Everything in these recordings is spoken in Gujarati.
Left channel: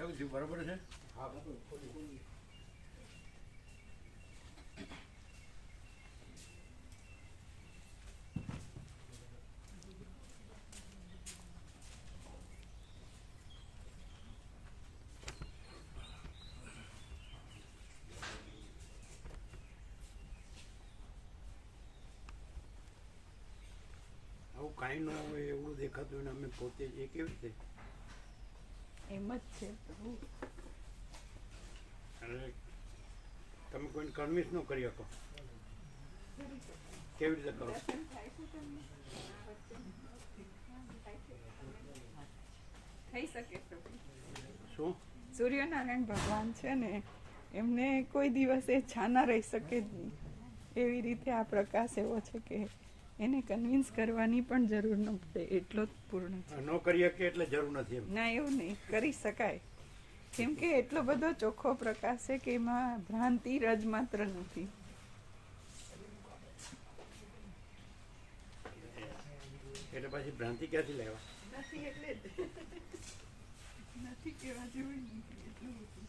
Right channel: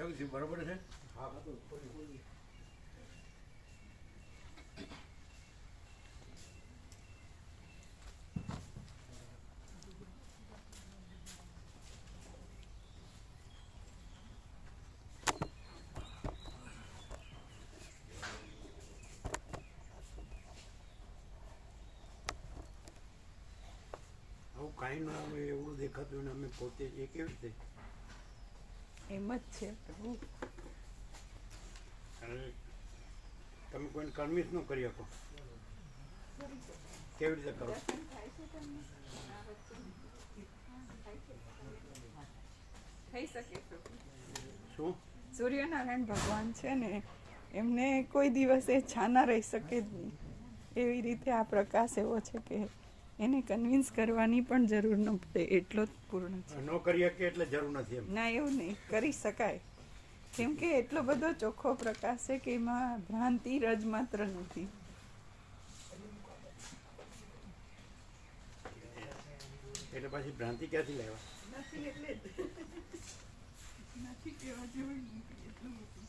કેવું થયું? બરોબર છે? આવું કાંઈ ન હોય એવું દેખાતું ને અમે પોતે એ કેવી રીતે? એમ જ છે. અને તમે કોઈને કન્વિન્સ ન કરી શકો. કેવી રીતે કરો? થઈ શકે. શું? સૂર્યનારાયણ ભગવાન છે ને, એમને કોઈ દિવસે છાના રહી શકે જ નહીં. એવી રીતે આ પ્રકાશ એવો છે કે એને કન્વિન્સ કરવાની પણ જરૂર ન પડે, એટલો જ પૂર્ણ છે. ન કરી શકે એટલે જરૂર નથી એમ? ના, એવું નહીં, કરી શકાય. કેમ કે એટલો બધો ચોખ્ખો પ્રકાશ છે કે એમાં ભ્રાંતિ રજ માત્ર નથી. એટલે પછી ભ્રાંતિ ક્યાંથી લેવા? નથી એટલે જ નથી કહેવા જેવું નહીં એટલું બધું.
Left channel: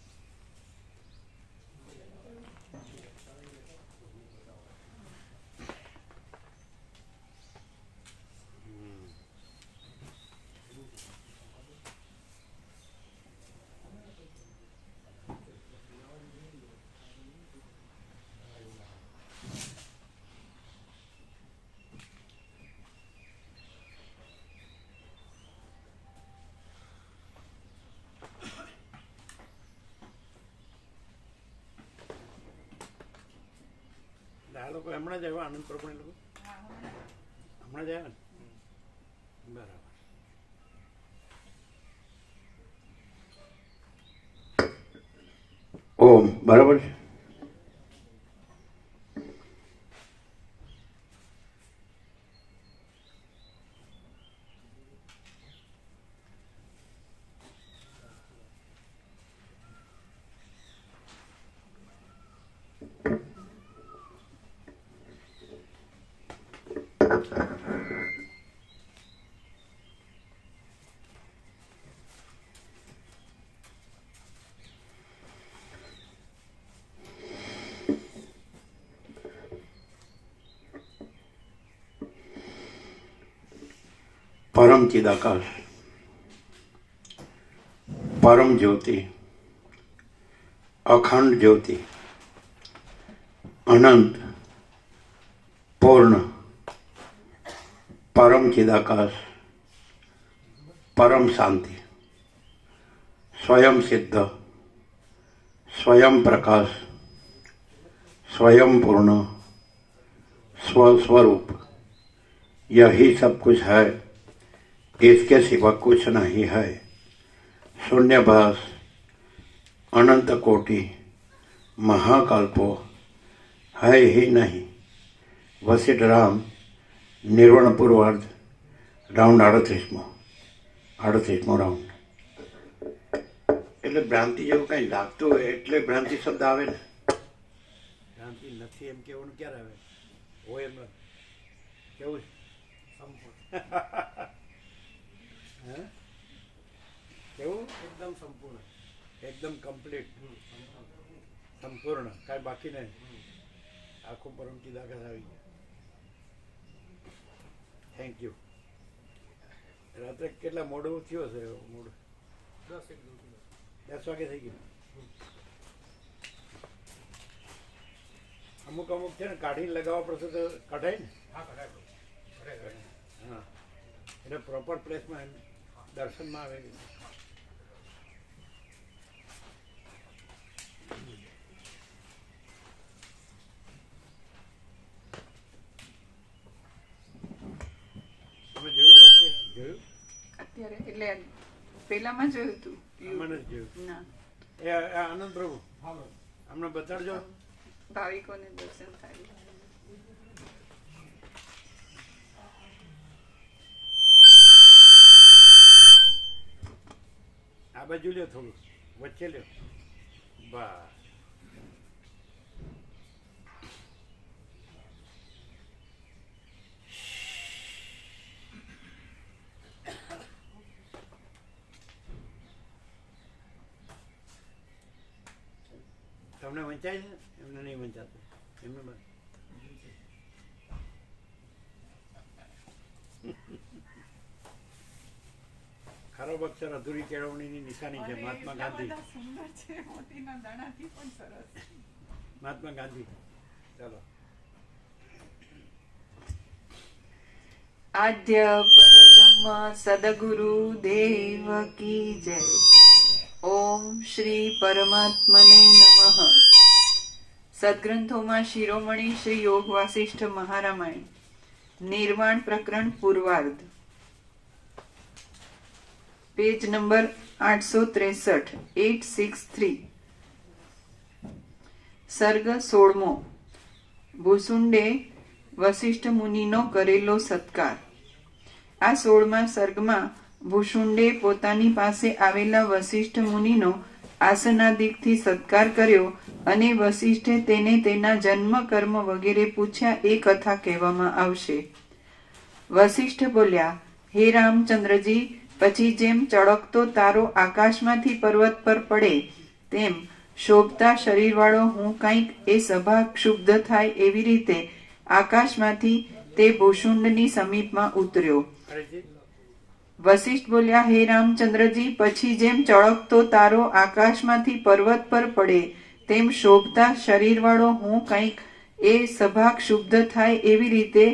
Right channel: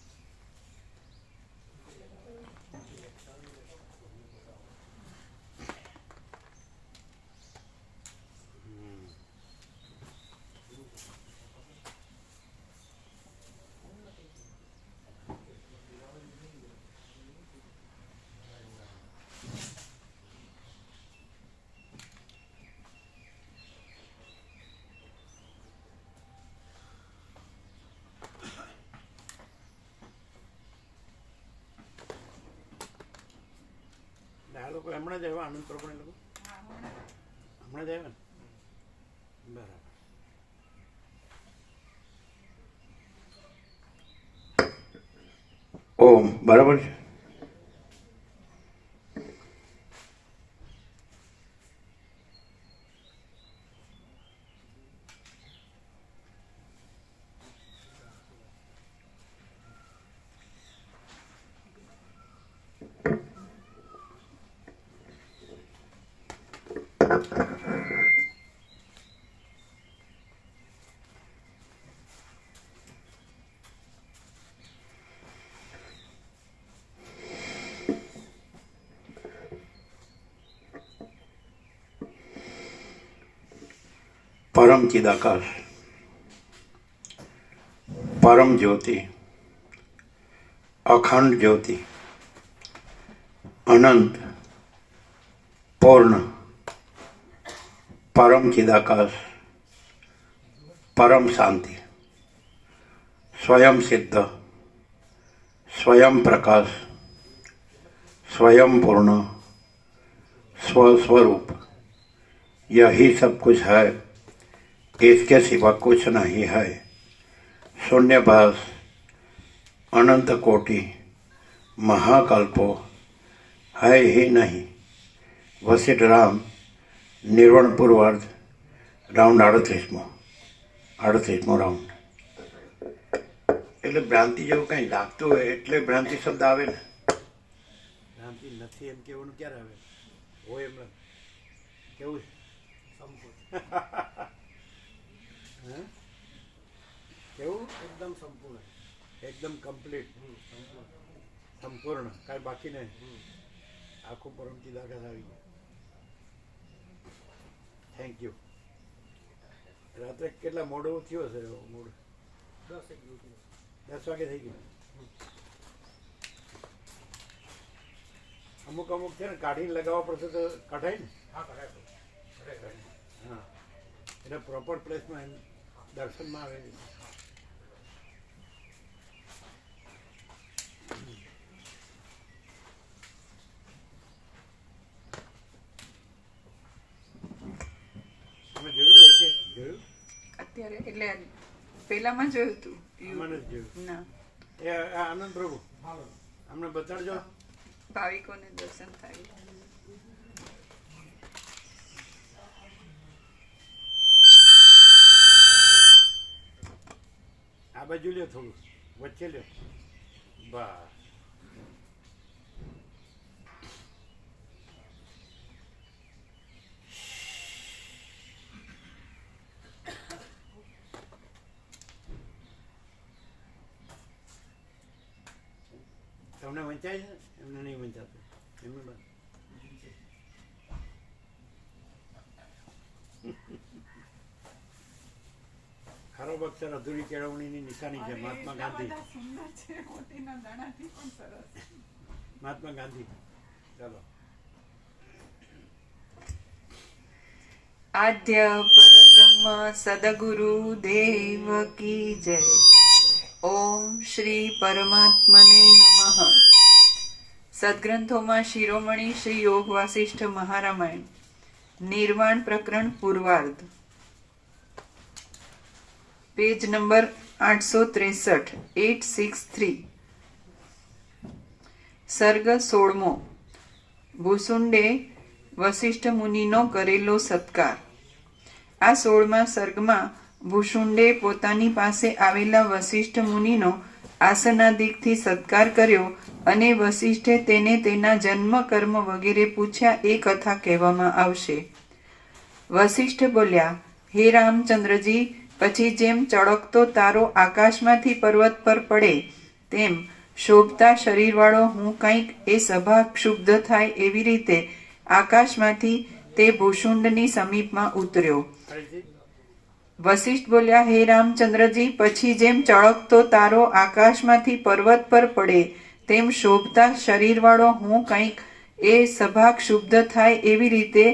આ લોકો હમણાં જ આવ્યા, આનંદ પ્રભુ લોકો હમણાં જ આવ્યા ને? બરાબર. ઓમ બરાબર છે. પરમ ચિદાકાશ, પરમ જ્યોતિ, અખંડ જ્યોતિ, અનંત, પૂર્ણ, પરમ ચિદાકાશ, પરમ શાંતિ, સ્વયં સિદ્ધ, स्वयं प्रकाश, स्वयं पूर्ण, स्वस्वरूप, यही सब कुछ है, इसके सिवा कुछ नहीं है। शून्यभास, अनंत कोटि, महाकल्पो है ही नहीं। वशिष्ठ राम, निर्वाण पूर्वार्ध, राउंड 38મો રાઉન્ડ. એટલે ભ્રાંતિ જેવું કંઈ લાગતું હોય એટલે ભ્રાંતિ શબ્દ આવે ને. ભ્રાંતિ નથી એમ કેવાનું ક્યારે આવે? હોય એમ કેવું? હા, કેવું? એકદમ સંપૂર્ણ, એકદમ કમ્પ્લીટ, સંપૂર્ણ, કાંઈ બાકી નહીં. આખું પરમ ચિદાકાશ આવી ગયા. Thank you. રાત્રે કેટલા મોડું થયો હશે? મોડું 10 વાગે થઈ ગયું. અમુક છે ને કાઢીને લગાવવા પડશે તો કઢાય ને? હા, એટલે પ્રોપર પ્લેસમાં દર્શનમાં આવે. તમે જોયું કે જોયું? અત્યારે એટલે પેલામાં જોયું હતું. મને જ જોયું. ના, એ આનંદ પ્રભુ અમને બતાડજો. ભાવિકોને દર્શન થાય. આ બાજુ લ્યો, થોડું વચ્ચે લ્યો. બસ. તમને વંચાય છે? એમને નહીં વંચાતું. એમને બસ ખરાબ અક્ષર અધૂરી કેળવણીની નિશાની છે. મહાત્મા ગાંધી. સુંદર છે, મોતીના દાણાથી પણ સરસ. મહાત્મા ગાંધી. ચાલો. આદ્ય પરબ્રહ્મ સદગુરુ દેવ કી જય. ઓમ શ્રી પરમાત્મને નમઃ. સદગ્રંથોમાં શિરોમણી શ્રી યોગ વાસિષ્ઠ મહારામાયણ, નિર્વાણ પ્રકરણ પૂર્વાર્ધ, પેજ નંબર 863, 863. સર્ગ 16મો. ભૂસુંડે વસિષ્ઠ મુનિનો કરેલો સત્કાર. આ 16મા સર્ગમાં ભૂસુંડે પોતાની પાસે આવેલા વસિષ્ઠ મુનિનો આસનાદિકથી સત્કાર કર્યો અને વસિષ્ઠે તેને તેના જન્મ કર્મ વગેરે પૂછ્યા એ કથા કહેવામાં આવશે. વસિષ્ઠ બોલ્યા, હે રામચંદ્રજી, પછી જેમ ચળકતો તારો આકાશમાંથી પર્વત પર પડે તેમ શોભતા શરીરવાળો હું કંઈક એ સભા ક્ષુબ્ધ થાય એવી રીતે આકાશમાંથી તે ભૂષુંડની સમીપમાં ઉતર્યો. વસિષ્ઠ બોલ્યા, હે રામચંદ્રજી, પછી જેમ ચળકતો તારો આકાશમાંથી પર્વત પર પડે તેમ શોભતા શરીરવાળો હું કંઈક એ સભા ક્ષુબ્ધ થાય એવી રીતે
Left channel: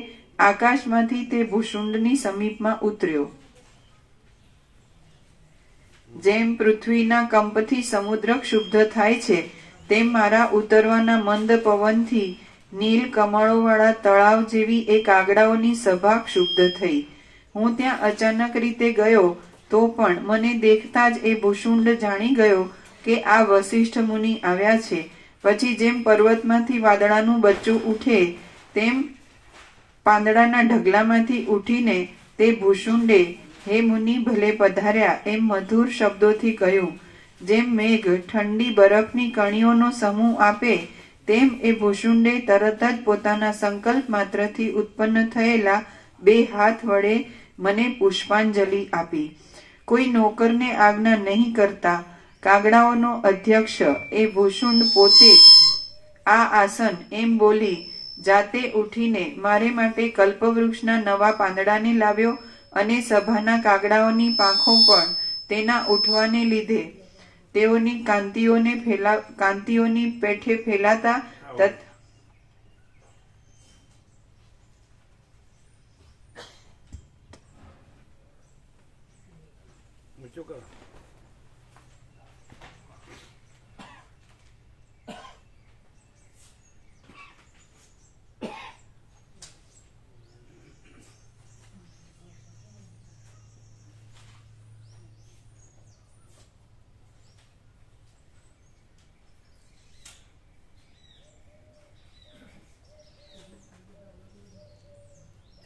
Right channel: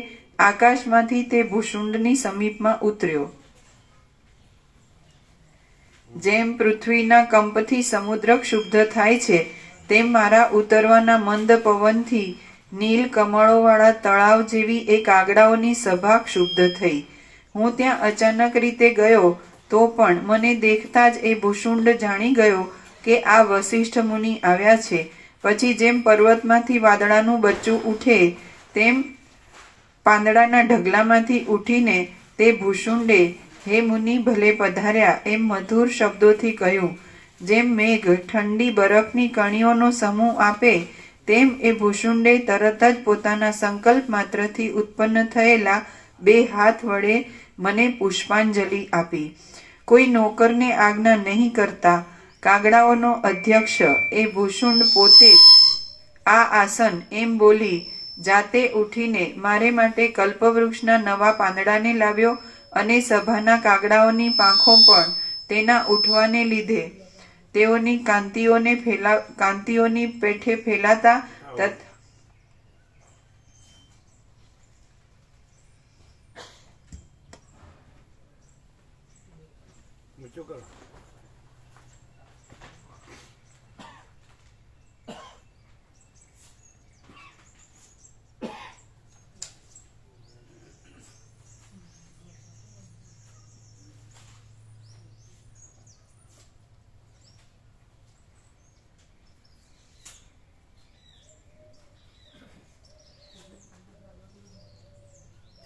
આકાશમાંથી તે ભૂષુંડની સમીપમાં ઉતર્યો. જેમ પૃથ્વીના કંપથી સમુદ્ર ક્ષુબ્ધ થાય છે તેમ મારા ઉતરવાના મંદ પવનથી નીલ કમળોવાળા તળાવ જેવી એ કાગડાઓની સભા ક્ષુબ્ધ થઈ. હું ત્યાં અચાનક રીતે ગયો તો પણ મને દેખતા જ એ ભૂષુંડ જાણી ગયો કે આ વસિષ્ઠ મુનિ આવ્યા છે. પછી જેમ પર્વતમાંથી વાદળાનું બચ્ચું ઉઠે તેમ પાંદડાના ઢગલામાંથી ઉઠીને તે ભૂષુંડે હે મુનિ ભલે પધાર્યા એમ મધુર શબ્દોથી કહ્યું. જેમ મેઘ ઠંડી બરફની કણીઓનો સમૂહ આપે તેમ એ ભૂષુંડે તરત જ પોતાના સંકલ્પ માત્રથી ઉત્પન્ન થયેલા 2 હાથ વડે મને પુષ્પાંજલિ આપી. કોઈ નોકરને આજ્ઞા નહીં કરતા કાગડાઓનો અધ્યક્ષ એ ભૂષુંડ પોતે આ આસન એમ બોલી જાતે ઉઠીને મારે માટે કલ્પવૃક્ષના નવા પાંદડાને લાવ્યો અને સભાના કાગડાઓની પાંખો પણ તેના ઉઠવાને લીધે તેઓની કાંતિઓની પેઠે ફેલાતા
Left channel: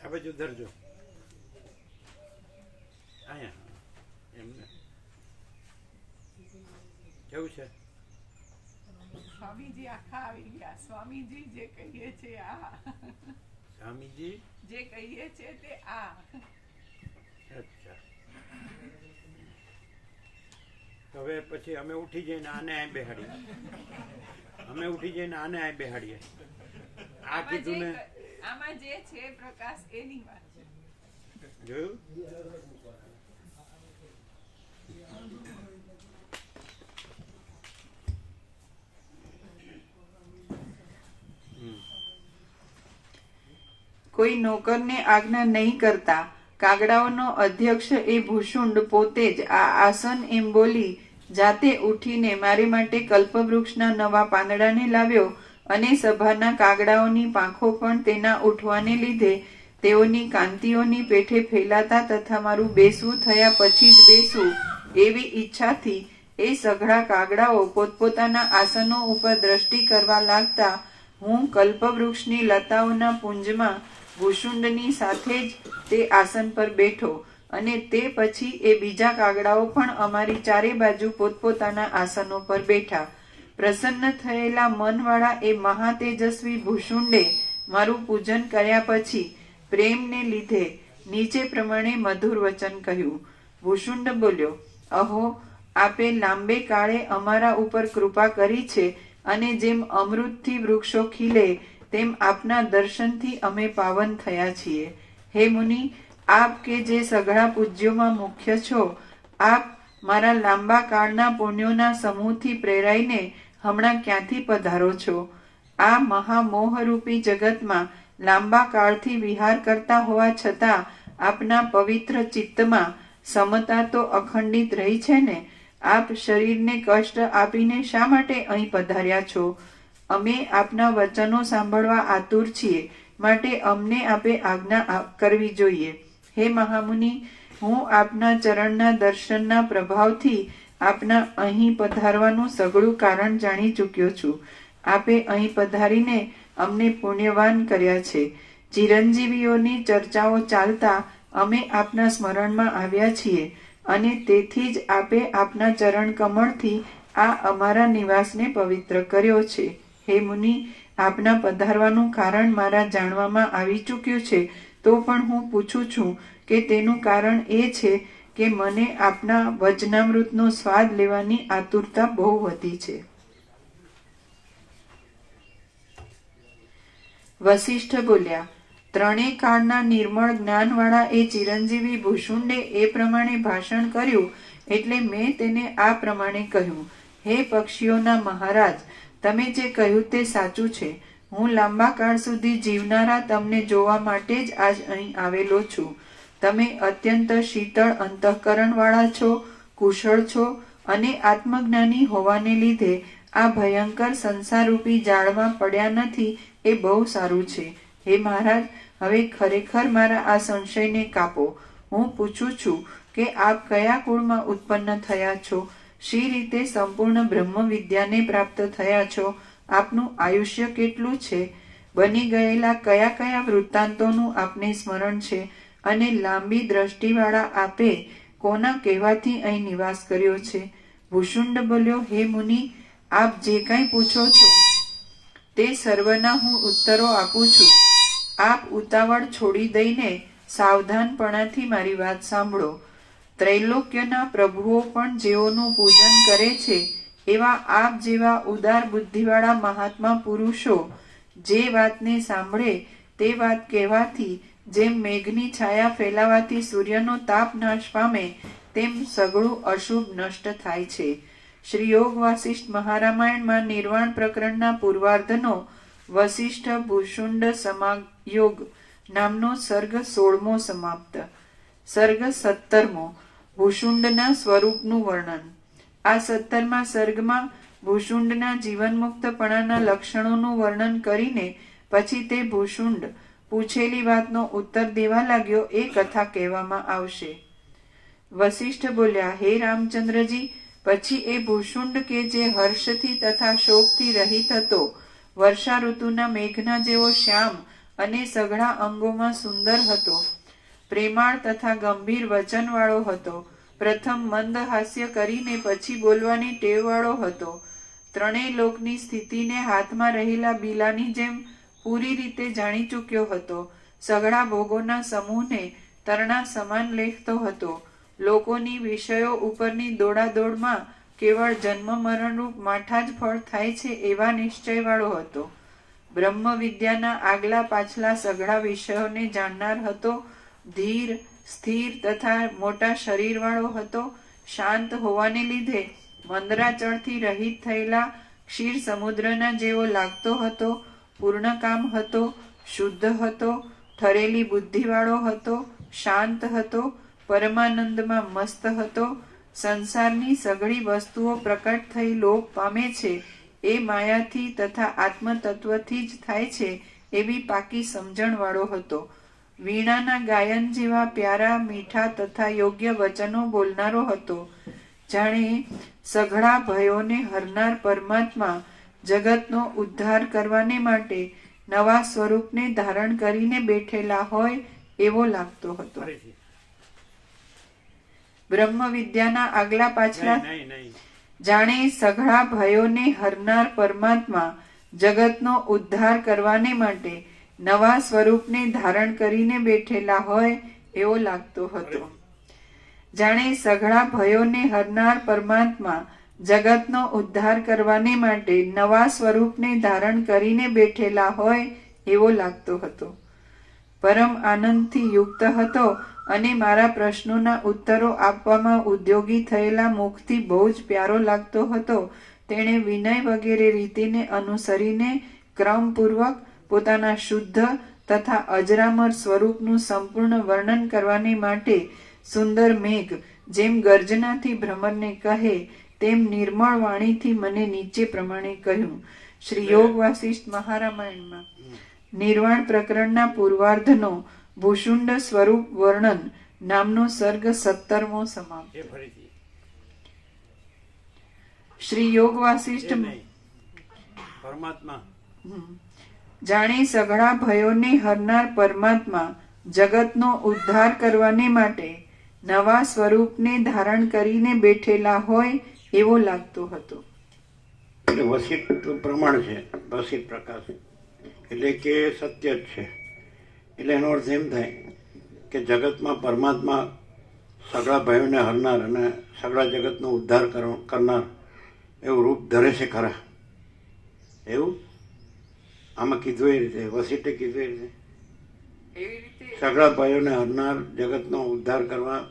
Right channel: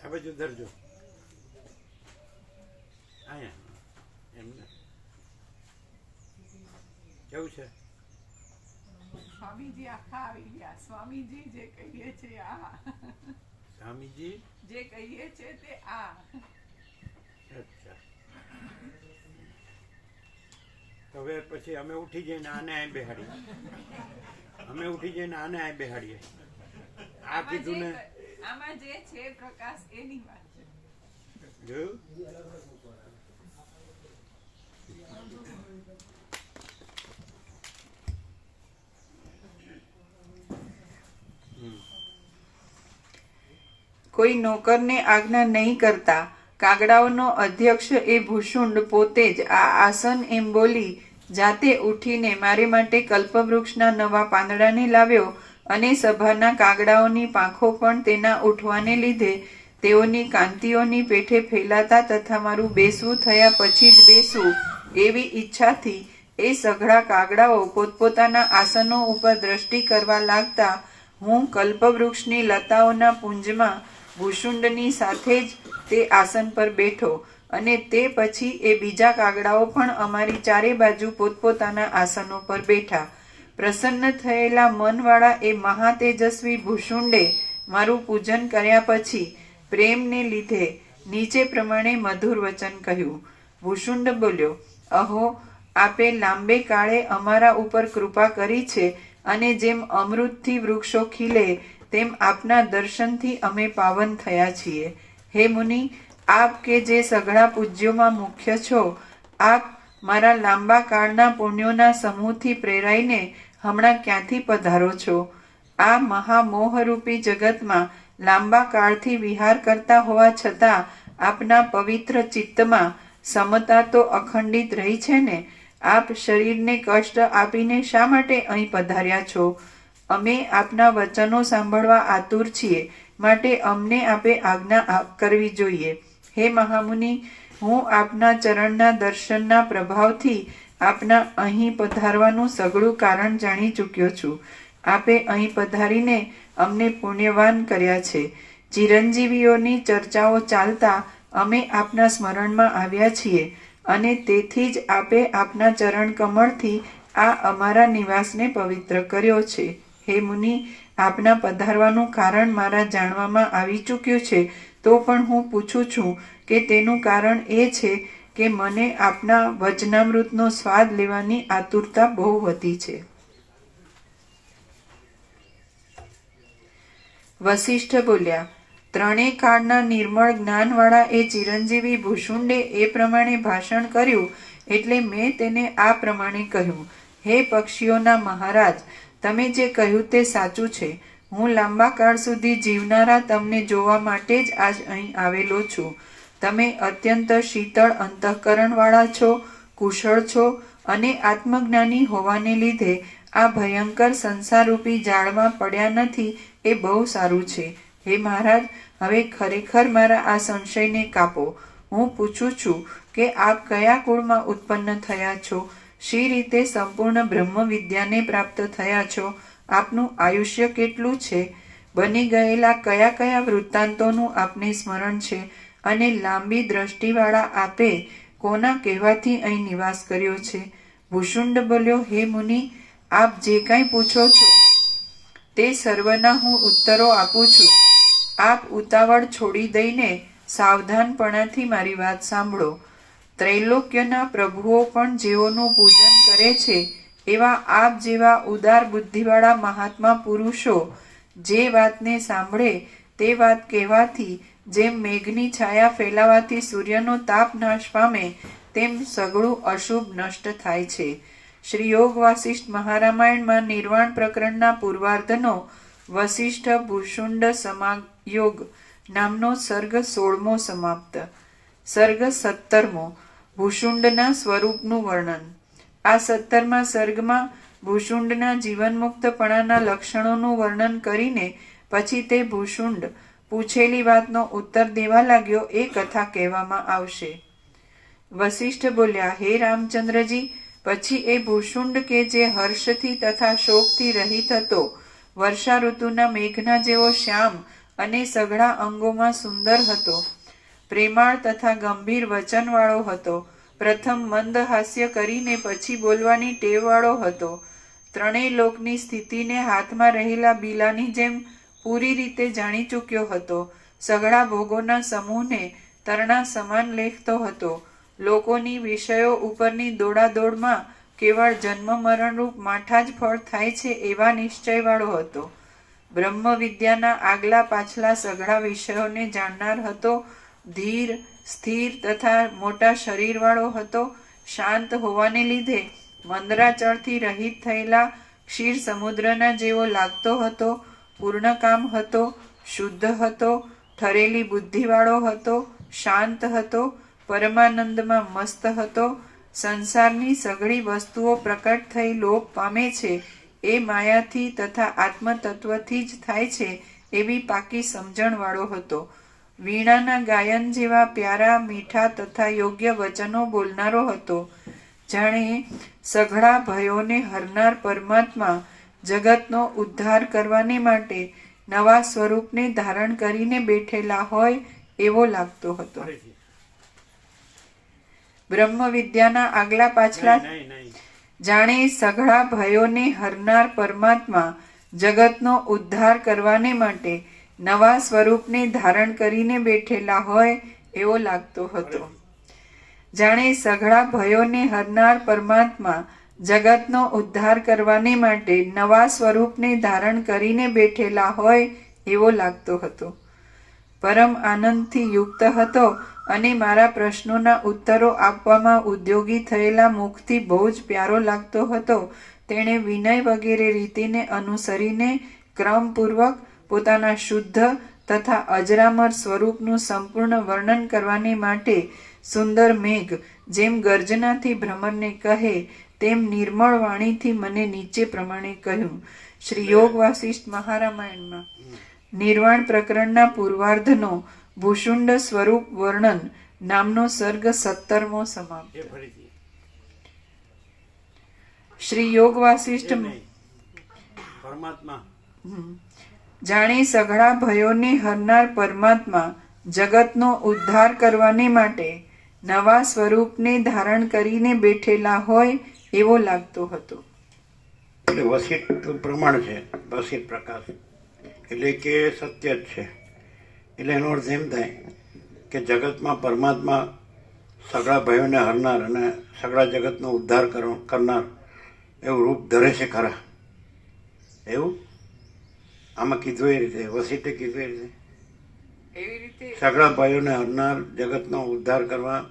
આ બાજુ ધરજો. અહીંયા એમને કેવું છે? સ્વામીજી આખા આવી ગયા. સ્વામીજી જે કહીએ છે આ. સ્વામીજી જે કહીએ છે તે આ. અચ્છા. હવે પછી અમે ઉઠી જઈને આને અહીં બેહાડીએ. આ કીધું ને આમાં જે છે પ્રકાશ એની વાત છે. જોયું? કોઈ નોકરને આજ્ઞા નહીં કરતા કાગડાઓનો અધ્યક્ષ એ ભૂષુંડ પોતે જ આ આસન એમ બોલી જાતે ઉઠીને મારે માટે કલ્પવૃક્ષના નવા પાંદડાને લાવ્યો અને સભાના કાગડાઓની પાંખો પણ તેના ઉઠવાને લીધે તેઓની કાંતિઓની પેઠે ફેલાતા તથા મારું બેસવું થયા પછી જ બેસવું એવી ઈચ્છાથી એ સઘળા કાગડાઓ પોતપોતાના આસનો ઉપર દ્રષ્ટિ કરવા લાગતા હું કલ્પવૃક્ષની લતાઓના પુંજમાં ભૂષુંડની સાથે જ તે આસન પર બેઠો અને તે પછી એ બીજા કાગડાઓ પણ અમારી ચારે બાજુ પોતપોતાના આસનો પર બેઠા. પ્રસન્ન થયેલા મનવાળા એ મહાતેજસ્વી ભૂષુંડે મારું પૂજન કર્યા પછી પ્રેમને લીધે નીચે પ્રમાણે મધુર વચન કહ્યું. ભૂષુંડ બોલ્યો, અહો, આપે લાંબે કાળે અમારા ઉપર કૃપા કરી છે અને જેમ અમૃતથી વૃક્ષો ખીલે તેમ આપના દર્શનથી અમે પાવન થયા છીએ. હે મુનિ, આપ કે જે સઘળા પૂજ્યોમાં મુખ્ય છો, આપ મારા લાંબા કાળના પુણ્યોના સમૂહથી પ્રેરાઈને હમણાં ક્યાંથી પધારો છો? આ મહામોહરૂપી જગતમાં લાંબા કાળથી વિહાર કરતા હોવા છતાં આપના પવિત્ર ચિત્તમાં સમતા તો અખંડિત રહી છે ને? આપ શરીરને કષ્ટ આપીને શા માટે અહીં પધાર્યા છો? અમે આપના વચનો સાંભળવા આતુર છીએ, માટે અમને આપે આજ્ઞા કરવી જોઈએ. હે મહામુનિ, હું આપના ચરણના દર્શનના પ્રભાવથી આપના અહીં પધારવાનું સઘળું કારણ જાણી ચૂક્યો છું. આપે અહીં પધારીને અમને પુણ્યવાન કર્યા છે. ચિરંજીવીઓની ચર્ચાઓ ચાલતા અમે આપના સ્મરણમાં આવ્યા છીએ અને તેથી જ આપે આપના ચરણ કમળથી આ અમારા નિવાસને પવિત્ર કર્યો છે. હે મુનિ, આપના પધારવાનું કારણ મારા જાણવામાં આવી ચૂક્યું છે, તો પણ હું પૂછું છું કે તેનું કારણ એ છે કે મને આપના વચનામૃતનો સ્વાદ લેવાની આતુરતા બહુ વધી છે. વસિષ્ઠ બોલ્યા, ત્રણેય કાળના નિર્મળ જ્ઞાનવાળા એ ચિરંજીવી ભૂષુંડે એ પ્રમાણે ભાષણ કર્યું એટલે મેં તેને આ પ્રમાણે કહ્યું. હે પક્ષીઓના મહારાજ, તમે જે કહ્યું તે સાચું છે. હું લાંબા કાળ સુધી જીવનારા તમને જોવા માટે જ આજ અહીં આવેલો છું. તમે અત્યંત શીતળ અંતઃકરણવાળા છો, કુશળ છો અને આત્મજ્ઞાની હોવાને લીધે આ ભયંકર સંસારરૂપી જાળમાં પડ્યા નથી એ બહુ સારું છે. હે મહારાજ, હવે ખરેખર મારા આ સંશયને કાપો. હું પૂછું છું કે આપ કયા કુળમાં ઉત્પન્ન થયા છો? શી રીતે સંપૂર્ણ બ્રહ્મ વિદ્યાને પ્રાપ્ત થયા છો? આપનું આયુષ્ય કેટલું છે? બની ગયેલા કયા કયા વૃત્તાંતોનું આપને સ્મરણ છે? અને લાંબી દ્રષ્ટિવાળા આપે કોના કહેવાથી અહીં નિવાસ કર્યો છે? ભૂષુંડ બોલ્યો, હે મુનિ, આપ જે કાંઈ પૂછો છો તે સર્વના હું ઉત્તરો આપું છું. આપ ઉતાવળ છોડી દઈને સાવધાનપણાથી મારી વાત સાંભળો. ત્રૈલોક્યના પ્રભુઓ પણ જેઓનું પૂજન કરે છે એવા આપ જેવા ઉદાર બુદ્ધિવાળા મહાત્મા પુરુષો જે વાતને સાંભળે તે વાત કહેવાથી જેમ મેઘની છાયા ફેલાવાથી સૂર્યનો તાપ નાશ પામે તેમ સઘળું અશુભ નષ્ટ થાય છે. શ્રી યોગ વાસિષ્ઠ મહારામાયણમાં નિર્વાણ પ્રકરણના પૂર્વાર્ધનો વસિષ્ઠ ભૂષુંડ સમાયોગ નામનો સર્ગ 16મો સમાપ્ત. સર્ગ 17મો, ભૂષુંડના સ્વરૂપનું વર્ણન. આ 17મા સર્ગમાં ભૂષુંડના જીવનમુક્તપણાના લક્ષણોનું વર્ણન કરીને પછી તે ભૂષુંડ પૂછેલી વાતનો ઉત્તર દેવા લાગ્યો એ કથા કહેવામાં આવશે. વસિષ્ઠ બોલ્યા, હે રામચંદ્રજી, પછી એ ભૂષુંડ કે જે હર્ષથી તથા શોકથી રહિત હતો, વર્ષા ઋતુના મેઘના જેવો શ્યામ અને સઘળા અંગોમાં સુંદર હતો, પ્રેમાળ તથા ગંભીર વચનવાળો હતો, પ્રથમ મંદ હાસ્ય કરીને પછી બોલવાની ટેવવાળો હતો, ત્રણેય લોકની સ્થિતિને હાથમાં રહેલા બીલાની જેમ પૂરી રીતે જાણી ચૂક્યો હતો, સઘળા ભોગોના સમૂહને તરણા સમાન લેખતો હતો, લોકોની વિષયો ઉપરની દોડાદોડમાં કેવળ જન્મ મરણરૂપ માઠા જ ફળ થાય છે એવા નિશ્ચયવાળો હતો, બ્રહ્મ વિદ્યાના આગલા પાછલા સઘળા વિષયોને જાણનાર હતો, ધીર સ્થિર તથા મોટા શરીરવાળો હતો, શાંત હોવાને લીધે મંદરાચળથી રહિત થયેલા ક્ષીર સમુદ્રના જેવો લાગતો હતો, પૂર્ણકામ હતો, શુદ્ધ હતો, ઠરેલી બુદ્ધિવાળો હતો, શાંત હતો, પરમાનંદમાં મસ્ત હતો, સંસારની સઘળી વસ્તુઓ પ્રકટ થઈ લોપ પામે છે એ માયાથી તથા આત્મતત્વથી જ થાય છે એવી પાકી સમજણવાળો હતો, વીણાના ગાયન જેવા પ્યારા મીઠા તથા યોગ્ય વચનો બોલનારો હતો, જાણે સઘળા ભયોને હરનાર પરમાત્મા જગતનો ઉદ્ધાર કરવાને માટે નવા સ્વરૂપને ધારણ કરીને બેઠેલા હોય એવો લાગતો હતો. બ્રહ્મ વિદ્યાના આગલા પાછલા જાણે સઘળા ભયોને હરનાર પરમાત્મા જગતનો ઉદ્ધાર કરવાને માટે નવા સ્વરૂપને ધારણ કરીને બેઠેલા હોય એવો લાગતો હતો. જાણે સઘળા ભયોને હરનાર પરમાત્મા જગતનો ઉદ્ધાર કરવાને માટે નવા સ્વરૂપને ધારણ કરીને બેઠેલા હોય એવો લાગતો હતો. પરમ આનંદથી યુક્ત હતો અને મારા પ્રશ્નોના ઉત્તરો આપવામાં ઉદ્યોગી થયેલા મુખથી બહુ જ પ્યારો લાગતો હતો. તેણે વિનય વગેરે રીતિને અનુસરીને ક્રમપૂર્વક પોતાના શુદ્ધ તથા અજરામર સ્વરૂપનું સંપૂર્ણ વર્ણન કરવાને માટે સુંદર મેઘ જેમ ગર્જનાથી ભ્રમરને કહે તેમ નિર્મળ વાણીથી મને નીચે પ્રમાણે કહ્યું. શ્રી યોગ વાસિષ્ઠ મહારામાયણમાં નિર્વાણ પ્રકરણના પૂર્વાર્ધનો ભૂષુંડ સ્વરૂપ વર્ણન નામનો સર્ગ 17મો સમાપ્ત. શ્રી યોગ વાસિષ્ઠ પરમાત્મા જાણે સઘળા ભયોને હરનાર પરમાત્મા જગતનો ઉદ્ધાર કરવાને માટે નવા સ્વરૂપને ધારણ કરીને બેઠેલા હોય એવો લાગતો હતો. એટલે વસિષ્ઠ પ્રમાણ છે, વસિષ્ઠ પ્રકાશ એટલે કે સત્ય જ છે. એટલે એનો અર્થ એમ થાય કે જગતમાં પરમાત્મા સગળા ભયોને હરનાર અને સગળા જગતનો ઉદ્ધાર કરનાર એવું રૂપ ધરે છે ખરા. એવું આમાં કીધું એ રીતે, વસિષ્ઠે કીધું એ રીતે સગળા ભયોને હરનાર જગતનો ઉદ્ધાર કરવા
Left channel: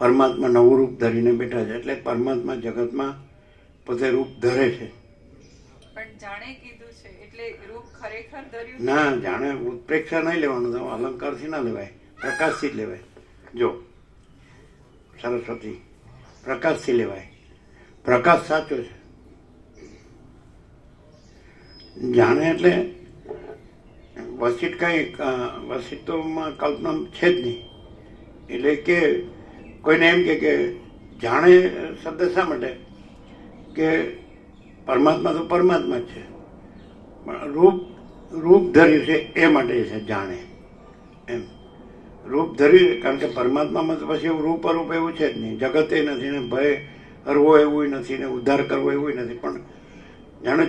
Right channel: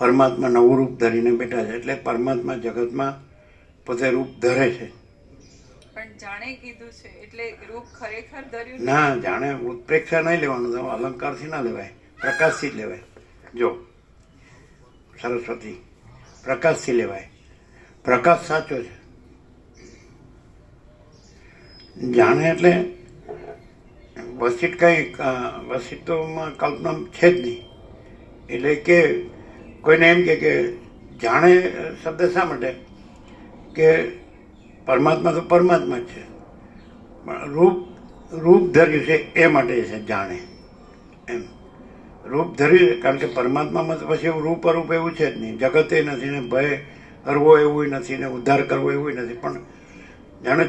પરમાત્મા નવું રૂપ ધરીને બેઠા છે. એટલે પરમાત્મા જગતમાં પોતે રૂપ ધરે છે. પણ જાણે કીધું છે એટલે રૂપ ખરેખર ધર્યું ના, જાણે ઉત્પ્રેક્ષા નહીં લેવાનું, તો અલંકારથી ના લેવાય, પ્રકાશથી જ લેવાય. જો સરસ્વતી પ્રકાશથી લેવાય, પ્રકાશ સાચો છે. જાણે એટલે વસિષ્ઠ કઈ વસિષ્ઠોમાં કલ્પના છે જ નહીં. એટલે કે કોઈને એમ કે જાણે શબ્દ શા માટે કે પરમાત્મા તો પરમાત્મા જ છે, પણ રૂપ ધર્યું છે એ માટે છે જાણે. એમ રૂપ ધર્યું છે કારણ કે પરમાત્મામાં તો પછી એવું રૂપ અરૂપ એવું છે જ નહીં. જગતે નથી ને ભય હરવો એવું નથી ને ઉદ્ધાર કરવો એવું નથી. પણ જાણે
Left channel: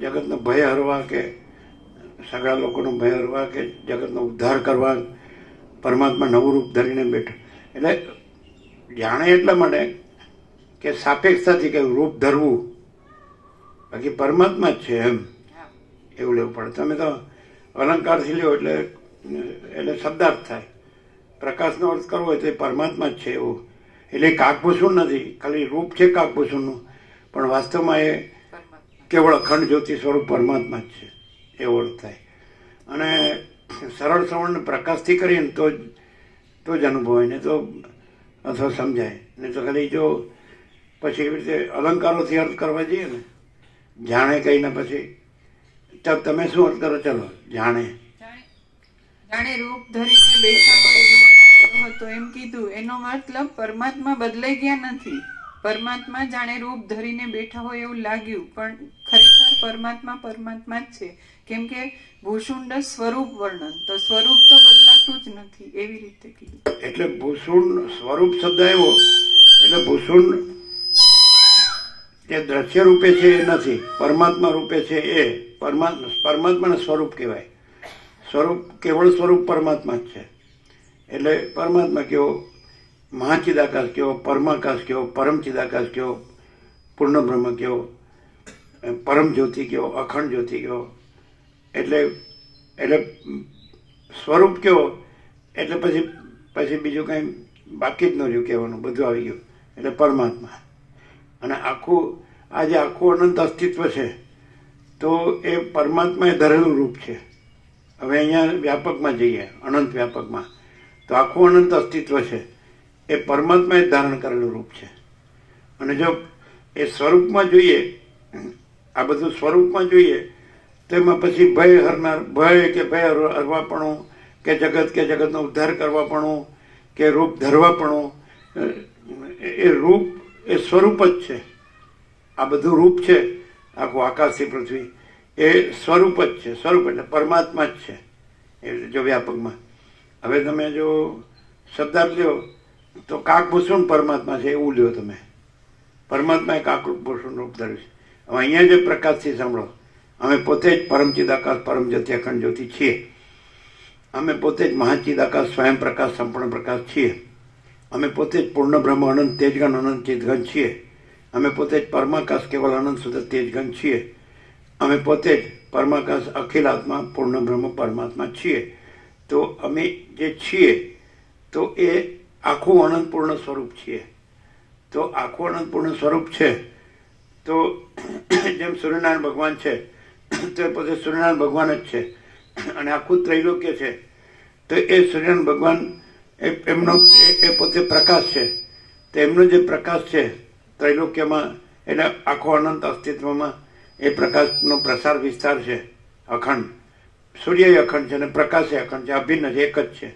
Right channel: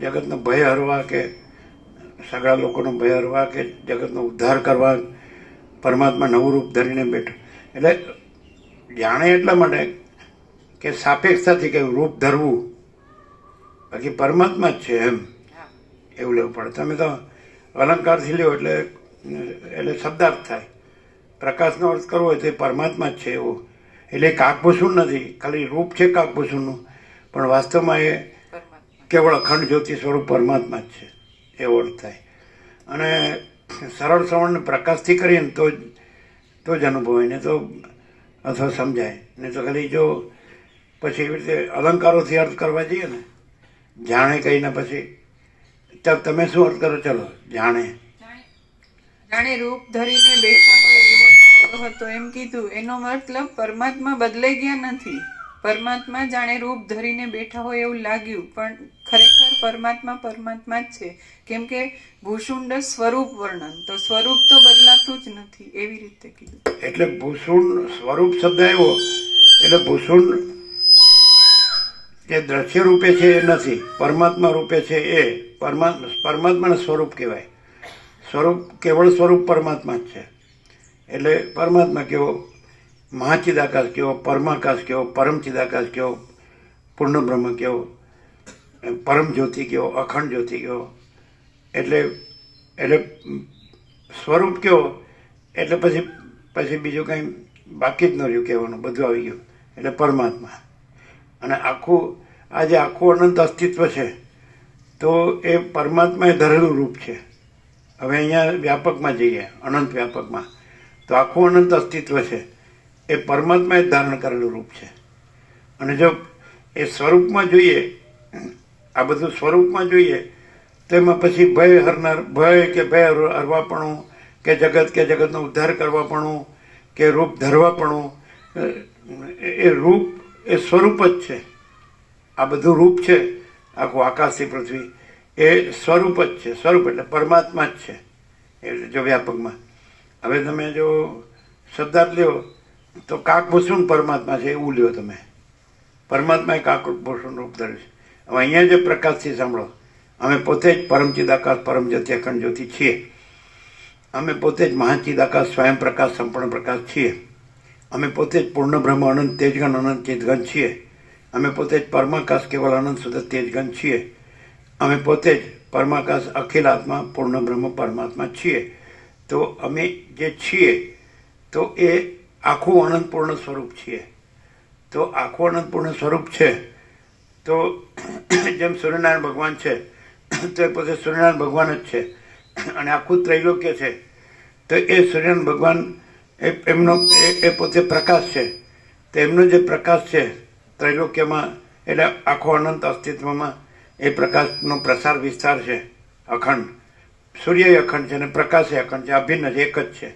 જગતનો ભય હરવા કે સગળા લોકોનો ભય હરવા કે જગતનો ઉદ્ધાર કરવા પરમાત્મા નવું રૂપ ધરીને બેઠો. એટલે જાણે એટલા માટે કે સાપેક્ષતાથી કહ્યું રૂપ ધરવું, બાકી પરમાત્મા જ છે એમ એવું લેવું પડે. તમે તો અલંકારથી લેવો એટલે શબ્દાર્થ થાય. પ્રકાશનો અર્થ કરવો હોય તો એ પરમાત્મા જ છે એવું. એટલે કાકભૂષણ નથી, ખાલી રૂપ છે કાકભૂષણનું, પણ વાસ્તવમાં એ કેવળ અખંડ જ્યોતિ સ્વરૂપ પરમાત્મા જ છે એવો અર્થ થાય. અને સરળ શ્રવણને પ્રકાશથી કરીએ ને તો જ અનુભવાય, ને તો અથવા સમજાય. ને તો ખાલી જો પછી એવી રીતે અલંકારોથી અર્થ કરવા જઈએ ને, જાણે કહીને પછી તમે શું અર્થ કરો? ચલો જાણે રૂપ ધરીને બેઠા હોય એવો હતો એમ કીધું. એનો મતલબ પરમાત્મા બદલાઈ ગયા નથી. પરમાત્મા જાણે રૂપ ધરીને બેઠા હોય એવું લાગ્યું, પણ ખરેખર પરમાત્મા પરમાત્મા જ છે. કેમ કે ભૂષુંડ સ્વરૂપ વર્ણન, તો સ્વરૂપ તો બદલાતું જ નથી એવી રીતે કીધું. એટલે ભૂષુંડ સ્વરૂપ શબ્દ આવ્યો એટલે ભૂષુંડ જે દ્રશ્ય રૂપે છે એ નથી, પરમાત્મા રૂપે છે એ પરમાત્માનું સ્વરૂપ કહેવાય. સ્વરૂપ કેવળ સ્વરૂપ પરમાત્મા જ છે. એટલે પરમાત્મા કેવો, મહાચિદાકાશ કેવો, પરમાકાશ કેવો, પરમચિદાકાશ કેવો, પૂર્ણ બ્રહ્મ કેવો, પરમ જ્યોતિ કેવો, અખંડ જ્યોતિ કેવો. એટલે સ્વરૂપ કેવો એટલે પછી બીજું કંઈ બાકી જ ન રહ્યું કહેવાનું, બધું આવી ગયું. એટલે પરમાત્મા. અને આજે આખું અનંત અસ્તિત્વ છે તો એ પરમાત્માએ ધરેલું રૂપ છે. હવે અહીંયા વ્યાપકમાં જઈએ, અનંત વ્યાપકમાં, તો આખું અનંત અસ્તિત્વ છે એ પરમાત્માએ ધારણ કરેલું રૂપ છે. અને જો એ સ્વરૂપમાં જોઈએ, આ બધું સ્વરૂપમાં જોઈએ તો એમાં પછી ભય હરનાર, ભય કે ભય હરવાપણું કે જગતનો ઉદ્ધાર કરવાપણું કે રૂપ ધરવાપણું, એ રૂપ એ સ્વરૂપ જ છે. આ બધું રૂપ છે, આખું આકાશથી પૃથ્વી એ સ્વરૂપ જ છે. સ્વરૂપ એટલે પરમાત્મા જ છે એટલે જો વ્યાપકમાં. હવે તમે જો શબ્દાર્થ લ્યો તો કાકભૂષણ પરમાત્મા છે એવું લ્યો તમે. પરમાત્માએ કાકભૂષણ રૂપ ધર્યું છે. હવે અહીંયા જે પ્રકાશથી સાંભળો, અમે પોતે જ પરમચિદાકાશ પરમ જ્યોતિ અખંડ જ્યોતિ છીએ. અમે પોતે જ મહાચિદાકાશ સ્વયં પ્રકાશ સંપૂર્ણ પ્રકાશ છીએ. અમે પોતે જ પૂર્ણ બ્રહ્મ અનંત તેજગણ અનંત ચેતગણ છીએ. અમે પોતે જ પરમાકાશ કેવળ અનંત શુદ્ધ તેજગન છીએ. અમે પોતે જ પરમાકાશ અખિલ આત્મા પૂર્ણ બ્રહ્મ પરમાત્મા છીએ. તો અમે જે છીએ તો એ આખું અનંત પૂર્ણ સ્વરૂપ છીએ. તો આખું અનંત પૂર્ણ સ્વરૂપ છે. તો જેમ સૂર્યનારાયણ ભગવાન છે તો એ પોતે સૂર્યનારાયણ ભગવાન જ છે. અને આખું ત્રૈલોક્ય છે તો એ સૂર્યનારાયણ ભગવાન એમનો એ પોતે પ્રકાશ છે. તો એમનો જે પ્રકાશ છે ત્રૈલોક્યમાં એટલે આખો અનંત અસ્તિત્વમાં એ પ્રકાશનો પ્રસાર વિસ્તાર છે અખંડ. સૂર્ય અખંડ છે અને પ્રકાશ અખંડ છે, અભિન્ન છે, એક જ છે.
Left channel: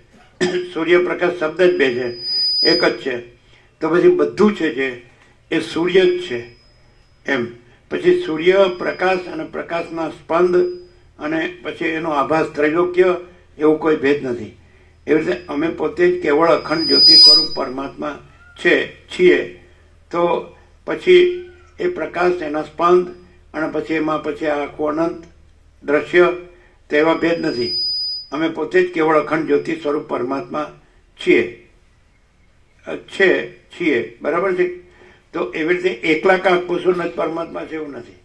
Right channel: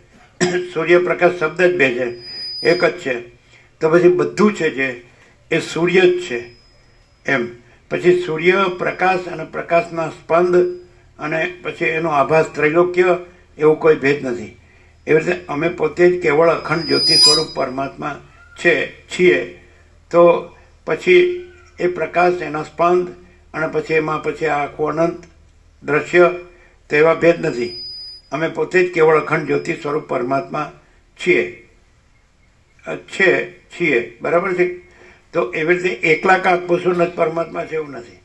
સૂર્યપ્રકાશ શબ્દ જ બે છે, એક જ છે. તો પછી બધું છે જે એ સૂર્ય જ છે એમ. પછી સૂર્ય પ્રકાશ અને પ્રકાશના સ્પંદ અને પછી એનો આભાસ ત્રૈલોક્ય એવું કોઈ ભેદ નથી. એવી રીતે અમે પોતે જ કેવળ અખંડ જ્યોતિ સ્વરૂપ પરમાત્મા છીએ. તો પછી એ પ્રકાશ એના સ્પંદ અને પછી એમાં પછી આખું અનંત દ્રશ્ય તો એવા ભેદ નથી. અમે પોતે જ કેવળ અખંડ જ્યોતિ સ્વરૂપ પરમાત્મા છીએ બરાબર છે. તો એવી રીતે એકલા કાંક પુરુષ જ પરમાત્મા છે એવું નથી.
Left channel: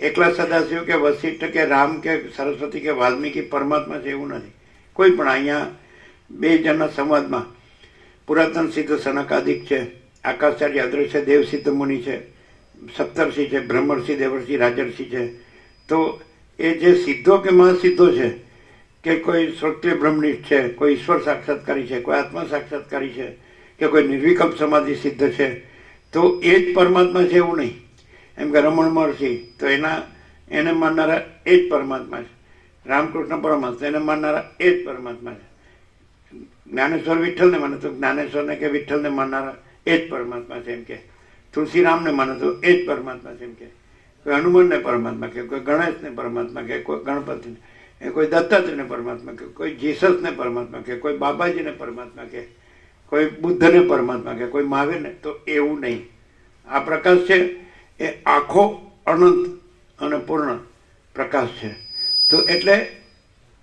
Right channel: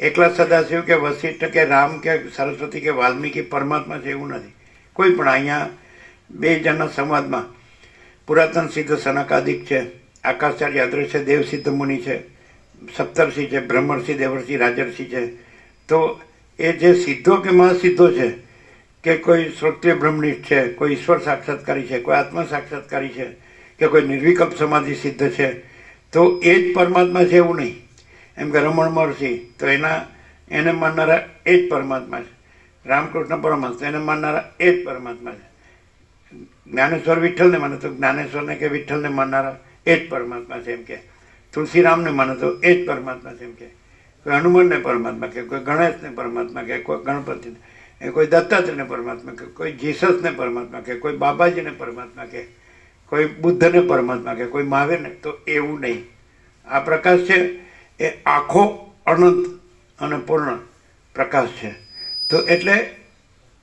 એકલા સદાશિવ કે વશિષ્ઠ કે રામ કે સરસ્વતી કે વાલ્મીકી પરમાત્મા છે એવું નથી. કોઈ પણ અહીંયા બે જણના સંવાદમાં પુરાતન સિદ્ધ સનકાદિક છે, આકાશાર્ય અદ્રશ્ય દેવ સિદ્ધ મુનિ છે, સપ્તર્ષિ છે, બ્રહ્મર્ષિ, દેવર્ષિ, રાજર્ષિ છે. તો એ જે સિદ્ધો કે મહાસિદ્ધો છે કે કોઈ શ્રોત્રિય બ્રહ્મનિષ્ઠ છે, કોઈ ઈશ્વર સાક્ષાત્કારી છે, કોઈ આત્મા સાક્ષાત્કારી છે કે કોઈ નિર્વિકલ્પ સમાધિ સિદ્ધ છે, તો એ જ પરમાત્મા છે એવું નહીં. એમ કે રમણ મહર્ષિ તો એને માનનારા એ જ પરમાત્મા છે. રામકૃષ્ણ પરમહંસ એને માનનારા એ જ પરમાત્મા છે. જ્ઞાનેશ્વર વિઠ્ઠલને માને તો જ્ઞાનેશ્વરને કે વિઠ્ઠલને માનનારા એ જ પરમાત્મા છે એમ કે. તુલસીરામને માને તો એ જ પરમાત્મા છે એમ કે. કોઈ હનુમાનને પરમાત્મા કે કોઈ ગણેશને પરમાત્મા કે કોઈ ગણપતિને, કોઈ દત્તાત્રેયને પરમાત્મા કે કોઈ જીસસને પરમાત્મા કે કોઈ બાબાજીને પરમાત્મા કે કોઈ બુદ્ધને પરમાત્મા કે કોઈ મહાવીરને, તો એવું નહીં. આ પ્રકાશ છે એ આખો અનંત અને પૂર્ણ પ્રકાશ છે. તો એટલે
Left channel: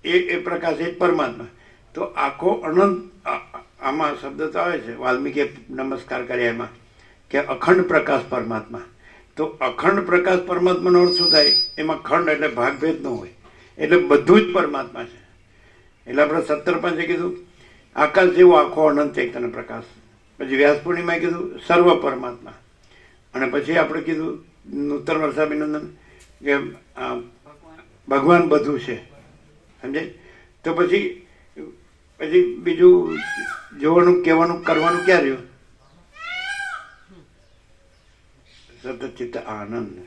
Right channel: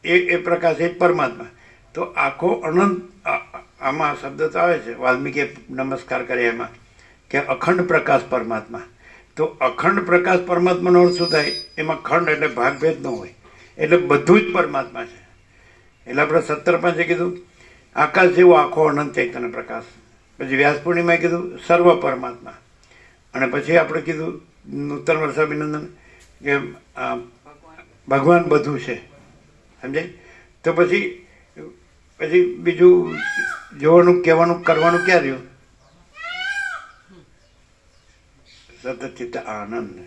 એ પ્રકાશ એ જ પરમાત્મા. તો આખો અનંત આમાં શબ્દ તો આવે છે વાલ્મીકીએ નમસ્કાર કર્યા એમાં કે અખંડ પ્રકાશ પરમાત્મા. તો અખંડ પ્રકાશ પરમાત્માનો અર્થ શું થાય? એમાં ખંડ એટલે ભાગભેદ ન હોય, એટલે બધું જ પરમાત્મા છે. એટલે આપણે 17 કીધું આકાશ જેવો આખો અનંત ચૈતન્ય પ્રકાશ. પછી વ્યાસ પૂર્ણિમાએ કીધું સર્વ પરમાત્મા. અને પછી આપણે કીધું નૂતન વર્ષાભિનંદન કે ભગવાન બધું છે, સમજાય? તો પછી બીજું જોવાનું, કહેવાનું, કરવાનું ક્યાં રહ્યું? સતત ચિત્ત આનંદ.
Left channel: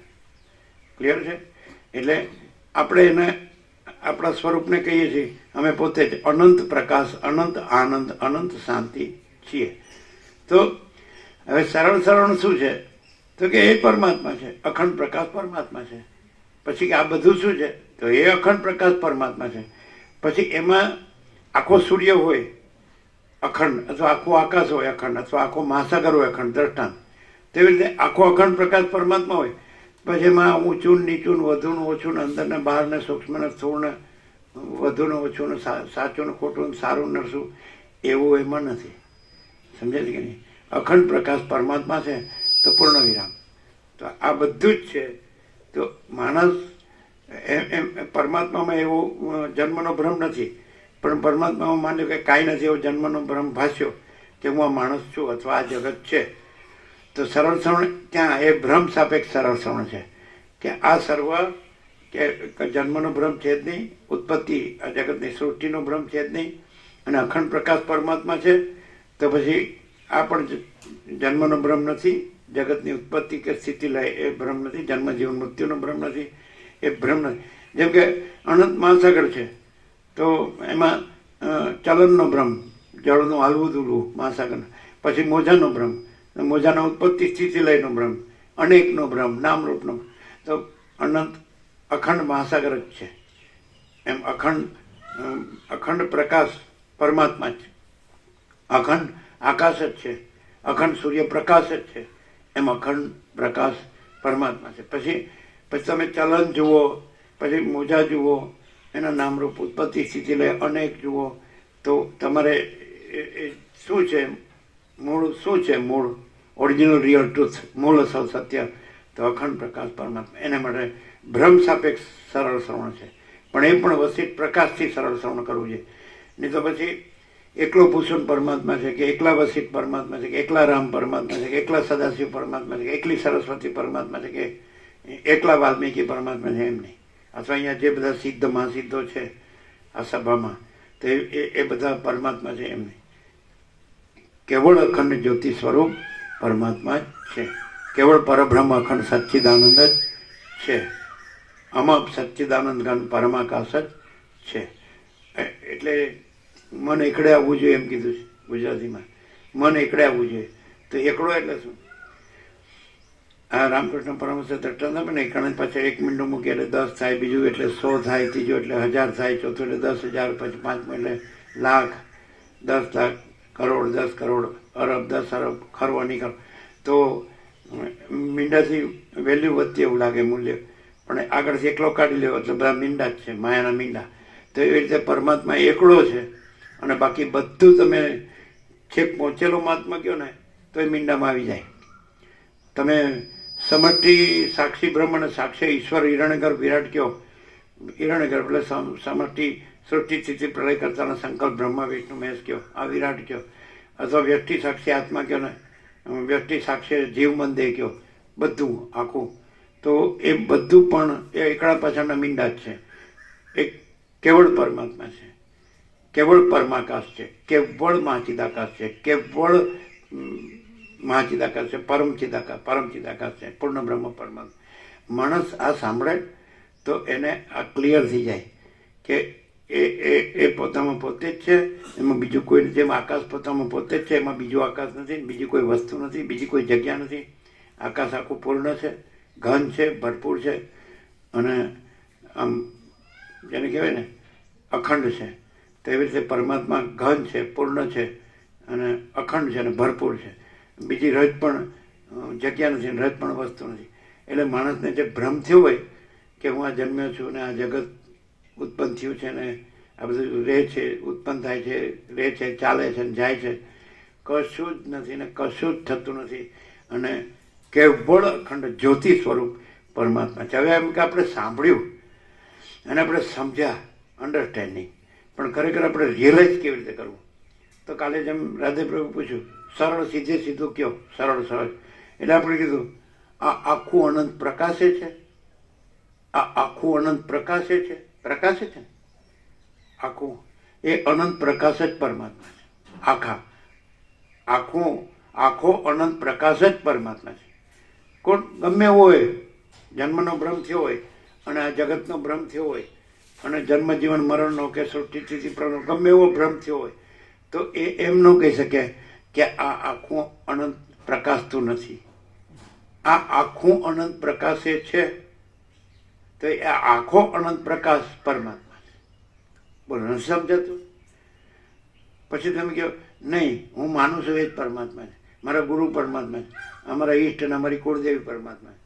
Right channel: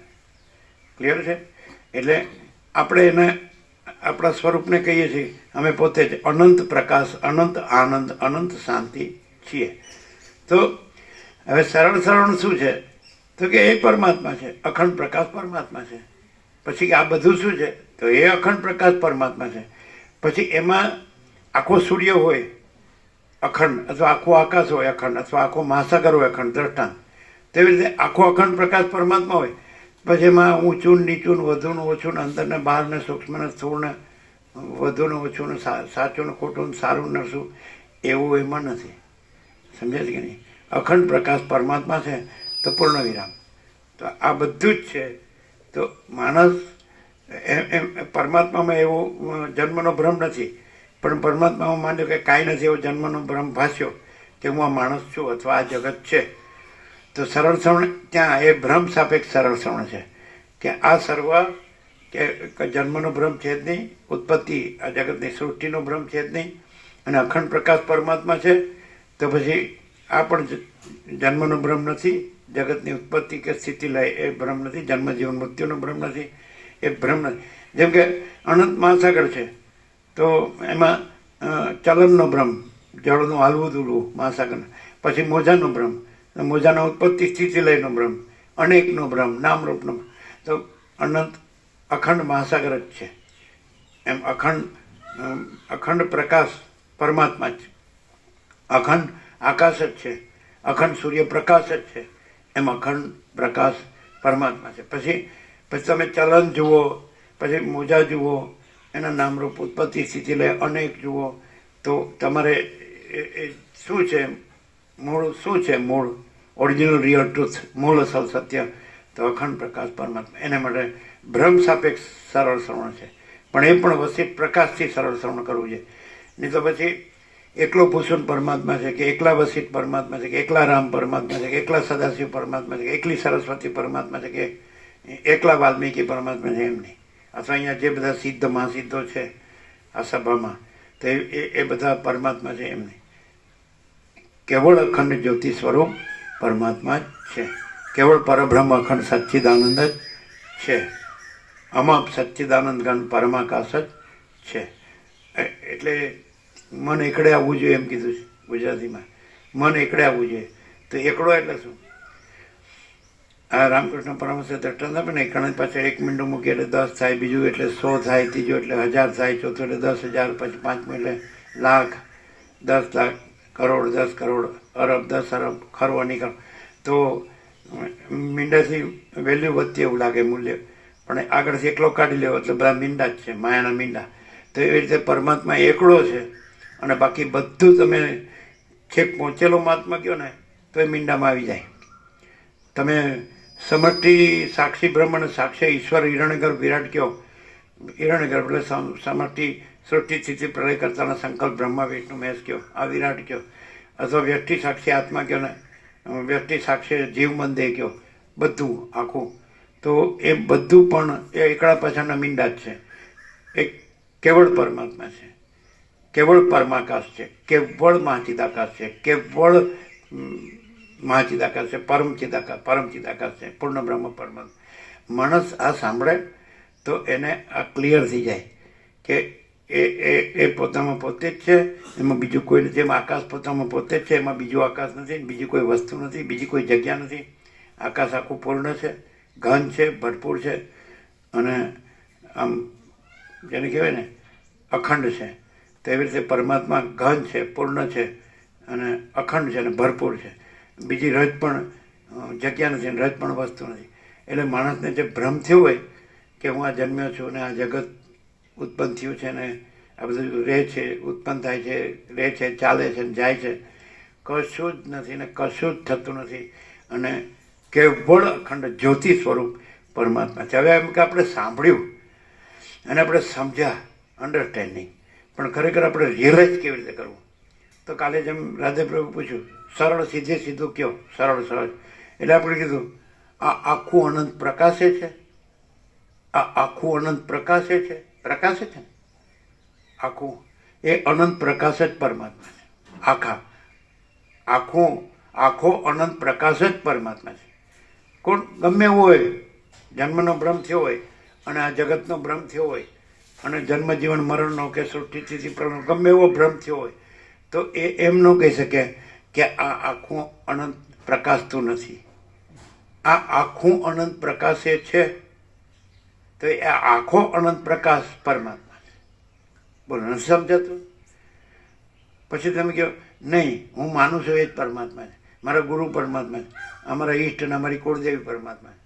ક્લિયર છે? એટલે આપણે એને આપણા સ્વરૂપને કહીએ છીએ અમે પોતે જ અનંત પ્રકાશ, અનંત આનંદ, અનંત શાંતિ છીએ. તો હવે સરળ શું છે? તો કે એ પરમાત્મા છે, અખંડ પ્રકાશ પરમાત્મા છે. પછી આ બધું શું છે? તો એ અખંડ પ્રકાશ પરમાત્મા છે. પછી એમાં આખો સૂર્ય હોય અખંડ, અથવા આખો આકાશ હોય અખંડ, અથવા આખો મહાસાગર હોય અખંડ, દ્રષ્ટાંત. તેવી રીતે આખો અખંડ પ્રકાશ પરમાત્મા હોય. પછી એમાં ઊંચું નીચું, વધુને ઓછું, અંદર ને બહાર ને સૂક્ષ્મ ને સ્થૂળ ને વધુ ને ઓછું ને સાચું ને ખોટું ને સારું નરસું એવું એમાં નથી. સમજાય કે નહીં? અખંડ પ્રકાશ પરમાત્મા છે. તો પૂર્ણ વિરામ. તો આ બધું જ છે. તો માણસ એમ પરમાત્મામાં એવો જન્મનો ભ્રમ નથી, પણ પરમાત્મામાં માન્યો કે કાંઈ નથી એવો જન્મનો ભ્રમ ભાસ્યો કે હું આ માણસ છું અથવા આ જગત છે. તો સરળ શ્રવણ ત્યાં એ ભ્રમ સાપેક્ષ સરળ શ્રવણ છે કે આ સર્વ કે જન્મનો ભ્રમ છે જ નહીં, ઉત્પત્તિ આ જગતની સૃષ્ટિનો ભ્રમ છે જ નહીં, અને અખંડ પ્રકાશ પરમાત્મા છે. તો પછી આ પણ જન્મનો ભ્રમ નથી, જગતની ઉત્પત્તિ કે સ્થિતિ લય એ ભ્રમ નથી, જન્મ જીવન મૃત્યુનો ભ્રમ નથી, એ ભ્રમ નથી. જેમ કે અનંત મહાસાગર છે તો એમાં ચલનનો ભ્રમ, જળનું હાલવું દૂરવું મહાસાગરનો. પછી મોજાનો ભ્રમ, મોજાના ઉત્પત્તિ સ્થિતિ લયનો ભ્રમ, અનેકનો ભ્રમ, નામરૂપનો. તો અનંત અખંડ મહાસાગર જ છે. એમ અખંડ પ્રકાશ પરમાત્મા જ છે, અખંડ આકાશ જ છે, અખંડ સૂર્યપ્રકાશ જ છે. એમ અખંડ પ્રકાશ પરમાત્મા છે. પછી તમે ચલન જુઓ, પછી મોજા જુઓ, એના નામરૂપ ઉત્પત્તિ સ્થિતિ લય અનેક જુઓ, તો તમારે શું છે મૂળ? શું છે મૂળ? ઓરિજિનલ રિયલ ટ્રુથ, મૂળ અસલ સત્ય, તો અખંડ પ્રકાશ પરમાત્મા. એને માટે બ્રહ્મ સાપેક્ષ સરળ શ્રવણ છે, પણ એ પણ વસિત પ્રકાશથી સરળ શ્રવણ કરવું છે. નહીં તો પછી એકલો ભૂષણ પરમાત્મા છે, કે એકલા વસિત પરમાત્મા છે, કે એકલા રામ પરમાત્મા છે, કે એકલા સદાશિવ પરમાત્મા છે, કે એકલી સરસ્વતી પરમાત્મા છે, કે એકલા વાલ્મીકી પરમાત્મા છે, એમ નહીં. અથવા અહીંયા જે બધા સિદ્ધ મહાસિદ્ધો છે આ સભામાં, તો એ બધા પરમાત્મા છે, એમ નહીં. કેવળ અખંડ જ્યોતિ સ્વરૂપ પરમાત્મા જ છે. કેવળ પરબ્રહ્મ અખંડ સચ્ચિદાનંદ જ છે. અમાપ સચ્ચિદાનંદ ઘન પરમાકાશ જ છે. એટલે મન એકડે આવવું જોઈએ એમ કીધું છે ગુજરાતીમાં. મન એકડે આવવું જોઈએ. તો એકડો એટલે શું? આ રામકૃષ્ણ પરમહંસ દ્રષ્ટાંત આપે ને, એકણ પાછળ 1 મીંડું મૂકી એટલે 10 થાય, બીજું એટલે 100 થાય, ત્રીજું એટલે 1000 થાય, ચોથું એટલે 10,000, પછી પાંચમું એટલે લાખ, 10 લાખ, કરોડ, 10 કરોડ, અરબ, 10 અરબ, ખરવો નીકળ. તો મીંડાથી વેલ્યુ વધતી એવું લાગે, મૂલ્ય, પણ આગળથી એકલો કાઢી લેવો એટલે બધા મીંડા જ છે, માયાના મીંડા. તો એવી રીતે પરમાત્મા એકડો છે, અને બાકી બધું તમે છેક પહોંચેલો મહાત્મા કહો ને તો એ મીંડામાં આવી જાય. તમે સમષ્ટિ સાક્ષી બ્રહ્મ અને સાક્ષી ઈશ્વર હિરણ્યગર્ભ વિરાટ કહો, હિરણ્યગર્ભ એટલે સમષ્ટિ સૃષ્ટિ સ્થિતિ પ્રલય કરતાના સંકલ્પ બ્રહ્મા વિષ્ણુ મહેશ કહો, આ વિરાટ કહો. અથવા વ્યક્તિ સાક્ષી આત્મા કહો ને, વ્યક્તિ સાક્ષી જીવ મન દેહ કહો, બધું આખું. તો એ બધું પણ એ એકડા પાછળના મીંડા જ છે. એક કેવળ પરમાત્મા છે, કેવળ પરમાકાશ છે, કેવળ મહાચિદાકાશ છે, કેવળ મહાચિદાકાશ છે, પરમચિદાકાશ છે, પૂર્ણ બ્રહ્મ પરમાત્મા. માણસ આ સાંભળે તો એને આ ક્લિયર થઈ જાય કે એ પોતામાં પોતે જ છે, એમાં બીજું કોઈ નથી. જેમ આકાશ પોતામાં પોતે જ છે, એમાં બીજું આકાશ નથી, બીજી કોઈ વસ્તુ નથી, બીજી કોઈ જગ્યા નથી. આકાશ આખું પૂર્ણ છે, ઘન છે, ભરપૂર છે, અને આમ જેને કહેવાય ને અખંડ છે. તેવી રીતે પરમાત્મા ઘન છે, પૂર્ણ છે, અને અખંડ છે, અને ભરપૂર છે. બીજી રજ પણ જગ્યા નથી, રજ પણ વસ્તુ નથી. એટલે માણસને જે ભ્રમ થયો હોય કે હું આ જન્મ્યો છું ને આ જગત ઉત્પન્ન થયું છે ને આ બધું રહે છે, ઉત્પન્ન થાય છે, રહે છે, ચાલે છે, જાય છે, કશું જ નથી ને કશું જ થતું નથી. અને કેવળ અખંડ જ્યોતિ સ્વરૂપ પરમાત્મા છે. હવે એમ કે આપણે સાંભળ્યું અને આપણે સમજ્યા, અન્ડરસ્ટેન્ડિંગ, પણ ખરેખર આપણે રિયલાઇઝ કેવી રીતે કરવું? તો કાલે જેમ રાધેપ્રભુ પૂછ્યું, સરળ સીધે સીધું કયો, સરળ. એટલે આપણે કીધું આ આખું અનંત પ્રકાશે છે, આ આખું અનંત પ્રકાશે છે ને આખું એ અનંત પ્રકાશ જ પરમાત્મા છે. આખો અનંત પ્રકાશ જ પરમાત્મા છે. કોણ ગમે એવો હોય, જન્મનો ભ્રમ થયો હોય અને આ જગતનો ભ્રમ થયો હોય અને જન્મ જીવન મરણનો કે સૃષ્ટિ સ્થિતિ પ્રલય ગમે એવો ભ્રમ થયો હોય, તો એ એમ ન કહી શકે કે આ આખું અનંત પ્રકાશતું નથી. આ આખું અનંત પ્રકાશ એ છે, તો એ આખો અનંત પ્રકાશ પરમાત્મા છે. બોલો, નથી સમજાતું? પછી તમે કહો નહીં, હું માનું છું એ જ પરમાત્મા છે, મારા ગુરુ પરમાત્મા છે, અમારા ઈષ્ટ અને અમારી કુળદેવી પરમાત્મા છે.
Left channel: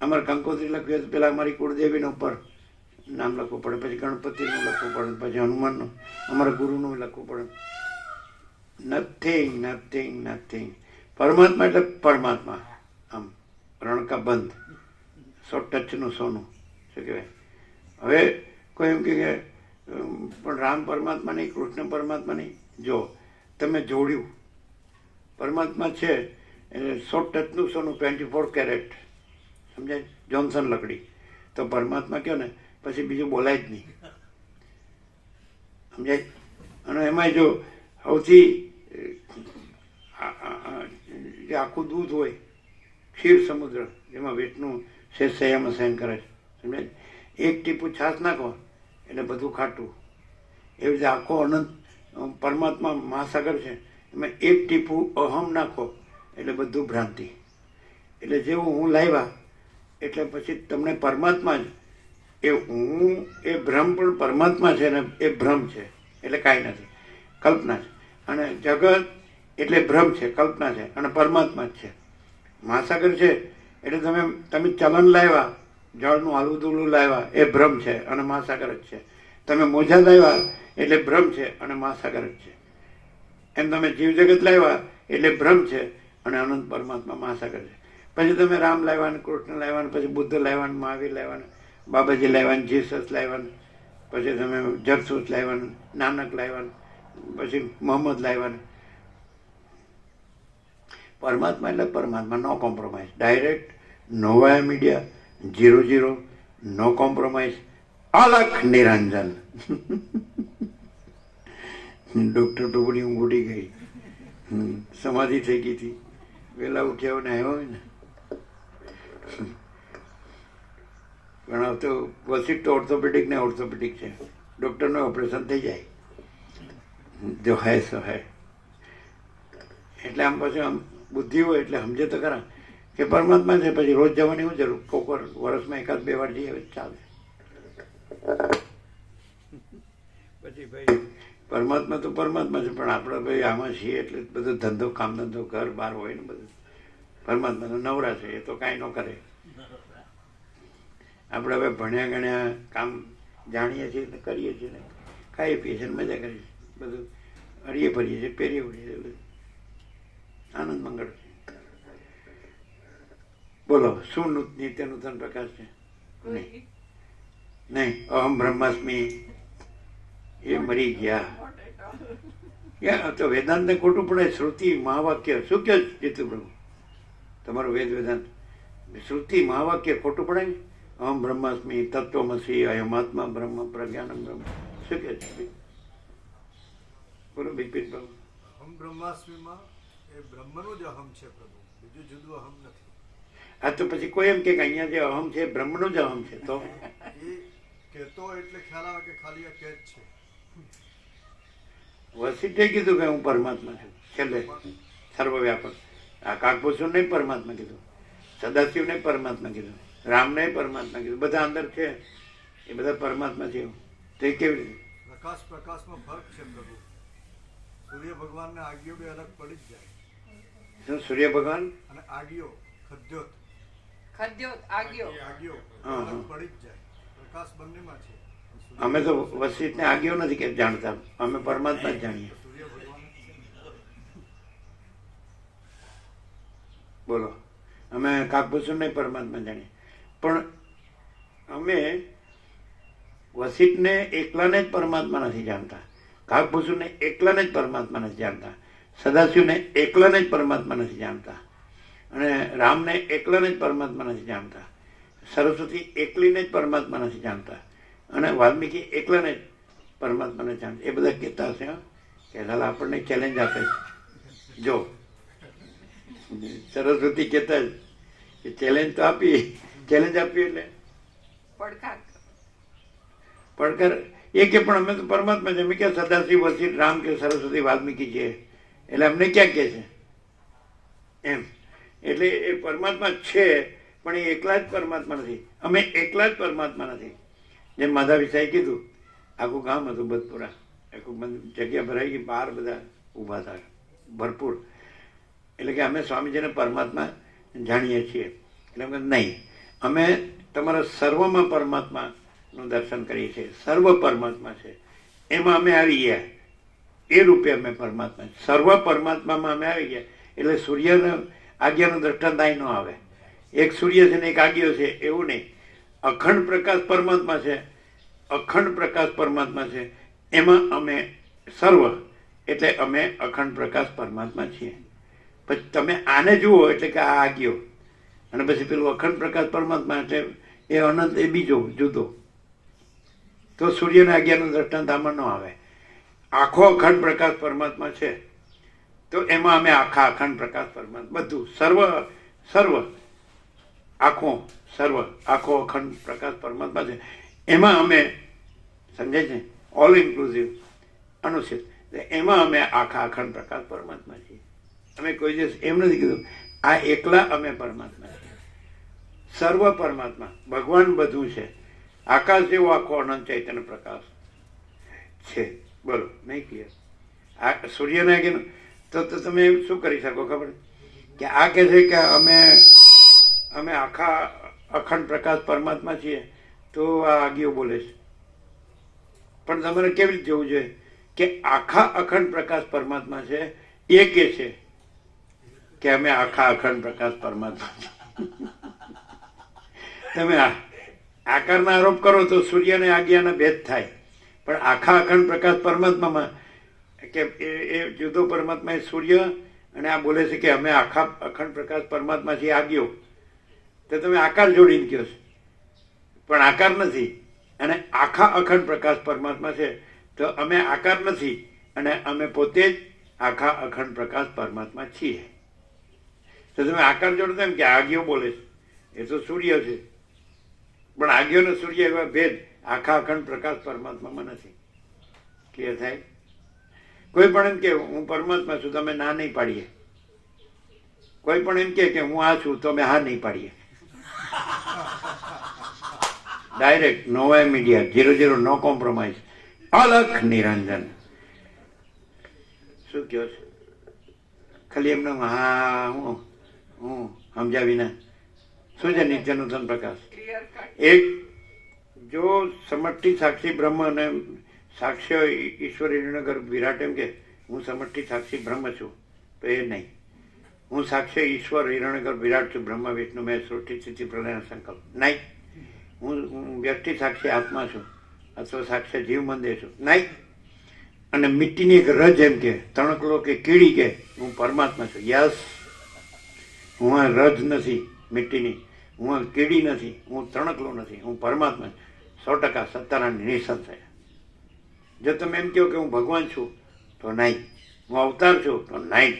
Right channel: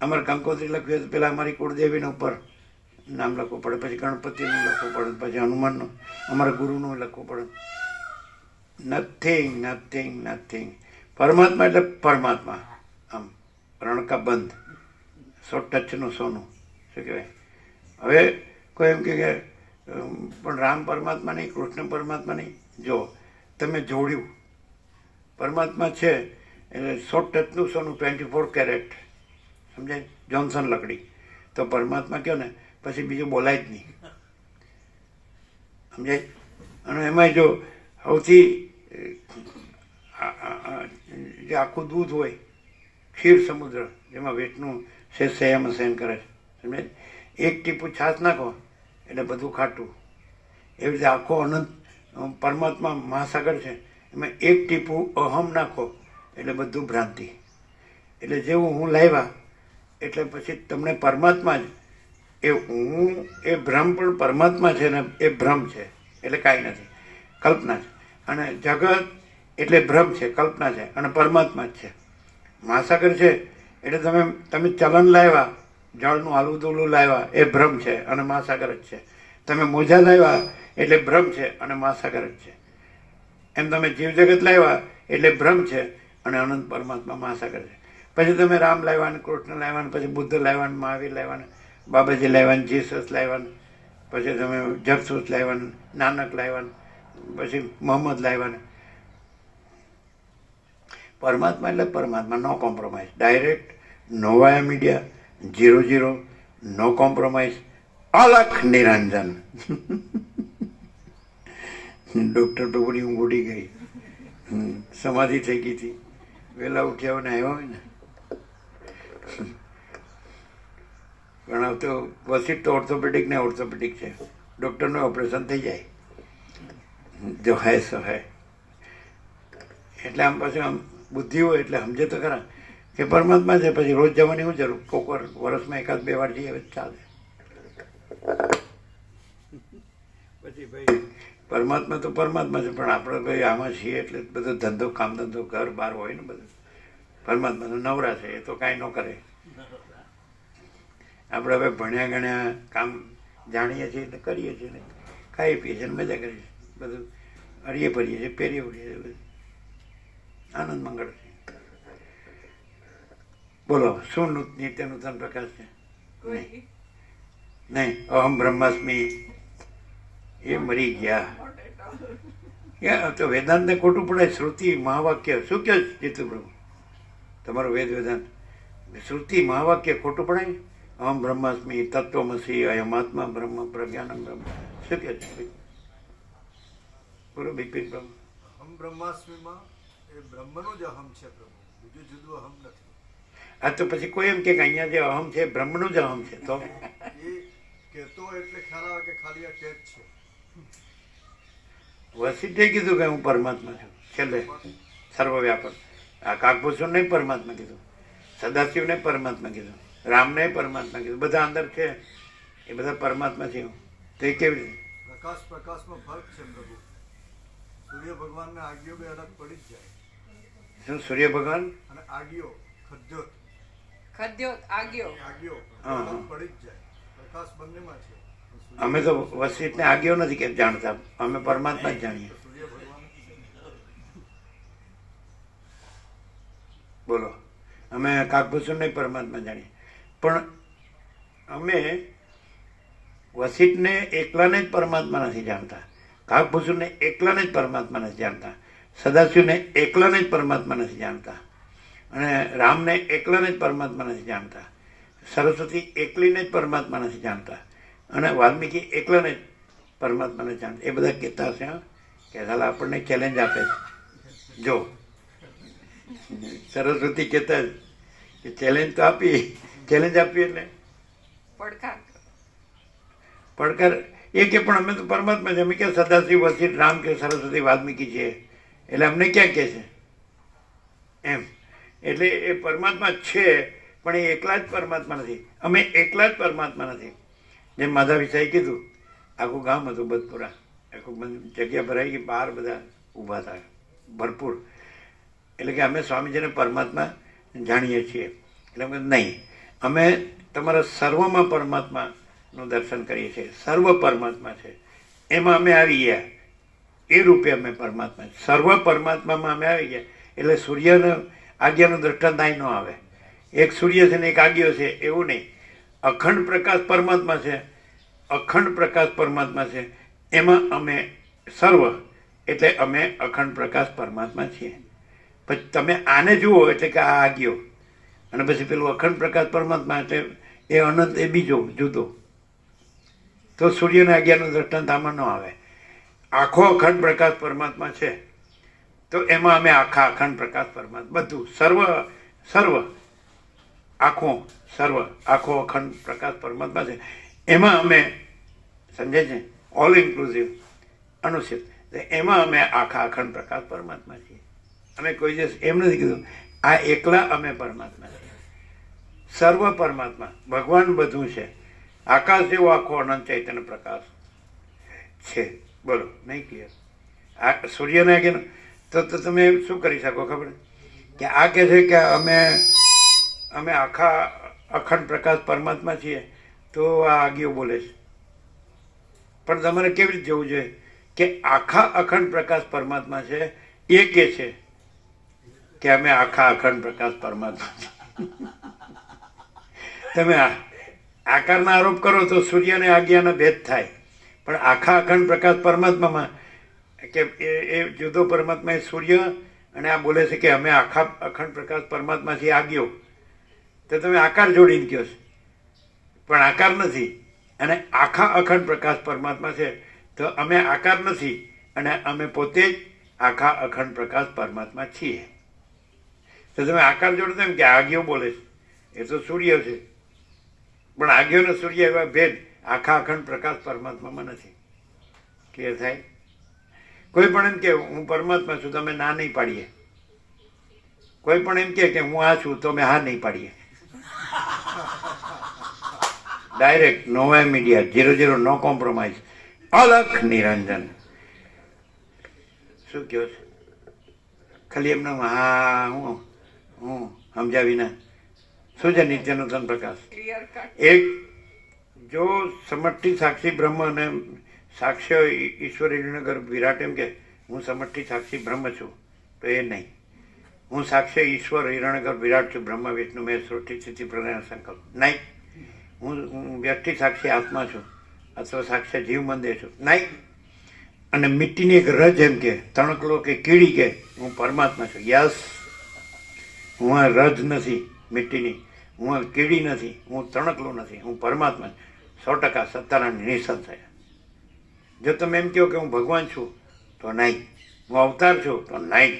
અમારે કંકોત્રી લખ્યું તો પેલા અમારી કુળદેવીને ઉપર નામ લખવું પડે, પછી ગણપતિનું લખવું પડે, પછી હનુમાનનું, અમારા ગુરુનું લખવું પડે. નથિંગ. પરમાત્મા એટલે પરમાત્મા, આમ રણકા બંધ, સો ટચનું સોનું. શું કહેવાય? હવે કોઈ એમ કે પણ રામ પરમાત્મા નહીં, કૃષ્ણ પરમાત્મા નહીં. જો તમે જોડ્યું, પરમાત્મા છે એટલે 100 ટચનું સોનું, 24 કેરેટ, સમજાય? જોન્સન લકડી. તો પરમાત્મા કહો ને પછી બીજું બોલાય જ નહીં, સમજાય? અને એમાં જો સૌથી જે આખું દૂધ હોય, ક્ષીર સમુદ્ર, જેમાં વિષ્ણુ સંયમ સહન કરે છે, સમજાય? એક ટીપું છાશ નાખો એટલે બધું ખાટું. એવી રીતે આખો અનંત પરમાત્મા મહાસાગર છે, એમાં એક ટીપું અહમ નાખો એટલે બધું ભ્રાંતિ. એટલે જેવું હું લાવ્યા એટલે પછી તમને પરમાત્મા જ એ હું, એ ભ્રમ પણ પરમાત્મા છે ને એ ભ્રમ છે એટલે કાંઈ નથી, કલ્પના છે. અને જગત એટલે ભ્રમ છે, કલ્પના છે, અને પરમાત્મા જ છે. મહાસાગર છે એટલે તમે ચલન લાવ્યા, જળનું હાલું દૂલું લાવ્યા, એ ભ્રમ છે અને મહાસાગર જ છે. તમે મોજા લાવ્યા એટલે ભ્રમ છે અને મહાસાગર જ છે. એમ તમે જીવ જગત લાવ્યા એટલે ભ્રમ છે અને અનંત પરમાત્મા મહાસાગર છે. પછી તમે રામ લાવ્યા, કૃષ્ણ લાવ્યા, પછી બુદ્ધ લાવ્યા, મહાવીર લાવ્યા, બાબાજી લાવ્યા, જીસસ લાવ્યા, પછી તમે જગસૂત લાવ્યા, નાનક લાવ્યા, પછી મોહમ્મદ લાવ્યા. પરમાત્મા એટલે પરમાત્મા, નો કોમ્પ્રોમાઇઝ, ડાયરેક્ટ, નો વાયા મીડિયા, 0-0, નો કોમ્પ્રોમાઇઝ, અલખ નિરંજન. ડૉક્ટર તો બધી ઊંઘ ઉડી ગઈ, સમાધિ થઈ ગઈ હતી, વહેલા ઉઠ્યા ને આવ્યા હોય ને. ઘણા તો વસીટ તો ઓર્થોપેડિક ને ઓર્થોપેડિક છે, ડૉક્ટરનું ઓપરેશન થઈ જાય, જો હે સો હે. એટલે આમ પાછું આમ બુદ્ધિ હોય એટલે સમજે તો ખરા કે પરમાત્મા છે. પછી રોજ જવાની શું જરૂર, કોક વાર વર્ષમાં 1-2 વાર જઈએ ચાલે. પછી ભાઈ પરમાત્મા તો પરમાત્મા છે, પણ આપણે ભાઈ આમાં છીએ એટલે બધો ધંધો, કામ ધંધો, ઘર બહાર હોય ને બધું. પરમાત્મા તો નવરા છે, એ તો કાંઈ ન કરે. આપણે હવે ભણ્યા ગણ્યા કામ જાણીએ છીએ એટલે કરીએ છીએ ને, ખાઈ પીએ છીએ, મજા કરીએ છીએ, બધું હરીએ ફરીએ છીએ, પહેરીએ ફરીએ છીએ, બધું આનંદ મંગળ છે. બોલો, શું નિત્ય નૂતન પ્રકાશ છે? નહીં નહીં, અહમ બ્રહ્માસ્મિ એ મરી ગયા. તો વેદાંતને ખોટું પડે. શ્રુતિ મહાવાક્ય શું કહે જીતુ પ્રભુ તમારું વેદાંત? શ્રુતિ મહાવાક્ય ખોટું પડાય? અહમ બ્રહ્માસ્મિ, તત્વમસી, અયમાત્મા બ્રહ્મ, પ્રજ્ઞાનમ બ્રહ્મ, શું કહે છે? બોલો બિપિન પ્રભુ. અહમ બ્રહ્માસ્મિમાં એ બ્રહ્મનું જ અહમ છે પ્રભુ, બીજું જુદું અહમ નથી. આ તો પછી કોઈ એમ કે અહીંયા જે અહમ છે બ્રહ્મનું જ અહમ છે, તો એ કહેતો એટલે ખ્યાલ આવે કે ખાલી આ કહેત છે. વસીઠે કીધું કે હું પરમાત્મા છું, છેલ્લે સર્વવ્યાપક. આ કાકભૂષણને પરમાત્મા કીધું, સદાશિવને પરમાત્મા કીધું, રામને પરમાત્મા કીધું, બધા અંદર છે એ બધા પરમાત્મા છે. તો એ કેવી રીતે? પ્રકાશમાં ફર્ક છે પ્રભુ. સૂર્ય ભગવાનને આગિયો બે અલગ પડી જ જાય. શું સૂર્ય ભગવાન અને આગિયો ખદ્યોત આગિયો અલગ પડી જ જાય. પ્રકાશ બંનેમાં છે. અમે તો વસીઠને આગિયો નથી કે જાણતા, અમે પરમાત્મા જ જાણીએ. સૂર્ય ભગવાન બોલો, અમે કાકભૂષણને પરમાત્મા જાણીએ, પણ અમે વસીઠને એકલાને જ પરમાત્મા નથી જાણતા, કાકભૂષણને એકલાને જ પરમાત્મા નથી જાણતા, સદાશિવને એકલાને જ પરમાત્મા નથી જાણતા, અને રામને એકલાને જ પરમાત્મા નથી જાણતા, સરસ્વતી એકલીને જ પરમાત્મા નથી જાણતા, અને વાલ્મીકી એકલાને જ પરમાત્માને જાણતા. એ બધા કહેતા હશે કે હાલ આપણને ચેલેન્જ આપે છે. જો સરસ્વતી કહેતા જ કે ચેલેન્જ તો આપી, ચેલેન્જ આપી એટલે પડકાર એ કે પણ અમે તો પરમાત્મા છે. અમે ક્યાં સદાશિવ, વસીઠ, રામ કે સરસ્વતી, વાલ્મીકી છે, એટલે અમને ક્યાં કહે છે એમ. એટલે એ પરમાત્મા છે, પણ એ એકલા જ પરમાત્મા નથી. અમે એકલા જ પરમાત્મા નથી. જેમ માધા સાહેબ કીધું, આખું ગામ હતું બદપુરા, આખું જગ્યા ભરાઈ ગઈ, બહાર બધા ઊભા હતા ભરપૂર. એટલે કે અમે સ્વામીજીને પરમાત્મા જાણીએ છીએ. એટલે અમે નહીં, અમે તમારા સર્વમાં પરમાત્માનું દર્શન કરીએ છીએ. સર્વ પરમાત્મા છે, એમાં અમે આવી ગયા. એ રૂપે અમે પરમાત્મા, સર્વ પરમાત્મામાં અમે આવી ગયા. એટલે સૂર્યના આજ્ઞાનું દ્રષ્ટાંત અહીં ન આવે. એક સૂર્ય છે ને એક આજ્ઞો છે એવું નહીં. અખંડ પ્રકાશ પરમાત્મા છે, અખંડ પ્રકાશ પરમાત્મા છે, એમાં અમે સર્વ એટલે અમે અખંડ પ્રકાશ પરમાત્મા છીએ. પછી તમે આને જુઓ એટલે કે આ આજ્ઞો, અને પછી પેલું અખંડ પ્રકાશ પરમાત્મા એટલે એ અનંત, એ બીજો જુદો. તો સૂર્યના આજ્ઞાનું દ્રષ્ટાંત આમાં ન આવે. આખો અખંડ પ્રકાશ પરમાત્મા છે, તો એમાં અમે આખા અખંડ પ્રકાશ પરમાત્મા, બધું સર્વ આખો અખંડ પ્રકાશ પરમાત્મા છે, એમાં અમે, સમજાય છે, ઓલ ઇન્ક્લુઝિવ અનુચિત, એમાં અમે આખા અખંડ પ્રકાશ પરમાત્મા છીએ. અમે કોઈ દિવસ એમ નથી કીધું આ એકલા અમે પરમાત્મા છીએ. સર્વ પરમાત્મા, ભગવાન બધું છે. આકાશ જેવો આખો અનંત ચૈતન્ય પ્રકાશ છે. બોલો, નહીં ક્લિયર? આ સૂર્યને કે તો તમે શું કરી શકો ખબર? કે આ કહે છે કે અમે આખા અખંડ પ્રકાશ પરમાત્મા છીએ, તો આ આગીઓ બોલે છે. પણ તમારે કેવી રીતે જોવું જોઈએ કે આખા અખંડ પ્રકાશ પરમાત્મા છે, એ કે છે કે અમે આખા અખંડ પ્રકાશ પરમાત્મા છીએ. તમે આકારના આરોપ કરો તો સૂર્ય અને આજ્ઞાનો ભેદ થાય, પણ આખા અખંડ પ્રકાશ પરમાત્મામાં કે એ જુદો પરમાત્મા એ સૂર્ય, અને આ બોલે છે કે અમે આખા અખંડ પ્રકાશ પરમાત્માથી આજ્ઞો, તો તમે આકાર જોડીને કહો છો, પણ આકાર નથી. અને આખા અખંડ પ્રકાશ પરમાત્મા છે તો અમે આકાર નથી, અને અમે પોતે જ આખા અખંડ પ્રકાશ પરમાત્મા છીએ. તો તમે આકાર જોડો એમ કે આજ્ઞો બોલે છે, એ તો સૂર્ય છે, પણ આજ્ઞો ને સૂર્ય એવા ભેદ આખા અખંડ પ્રકાશ પરમાત્મામાં નથી. ક્લિયર થાય? કોઈ પણ એમ કે હું પરમાત્મા છું, તમે ના નહીં પાડીએ. કોઈ પણ એમ કે હું આ છું, તો અમે હા નહીં પાડીએ. ડાયરેક્ટ નો મીડિયા 0-0 નો કોમ્પ્રોમાઇઝ. અલખ નિરંજન. શું કહો છો? ખાલી એમને હા હું સમજાવીને શું છે નિત્યનૂતન પ્રકાશ? એક જો સમષ્ટિ સાક્ષી બ્રહ્મ અને સાક્ષ્ય ઈશ્વર હિરણ્યગર વિરાટ એમ કે હું સમષ્ટિ સાક્ષી બ્રહ્મ છું, તો એ નહીં. હું સાક્ષ્ય ઈશ્વર હિરણ્યગર વિરાટ છું, બ્રહ્મ વિષ્ણુ મેં સૃષ્ટિ સ્થિતિ પ્રલય સંકલ્પ નહીં. હું વ્યક્તિ સાક્ષી આત્મા છું અથવા સાક્ષ્ય જીવ મંદિર છું નહીં. અને મિટ્ટીની એક રજ એમ કે તણકલો કે કીડી કે હું પરમાત્મા છું. યસ, હું આ રજ નથી મિટ્ટીની, હું આ કીડી નથી, હું તણકલો નથી, હું પરમાત્મા 100% સત્તારાની નિસંશય. જો તમે એમ કહો કે હું ભગવાન છું તો નહીં, હું અવતાર છું તો નહીં,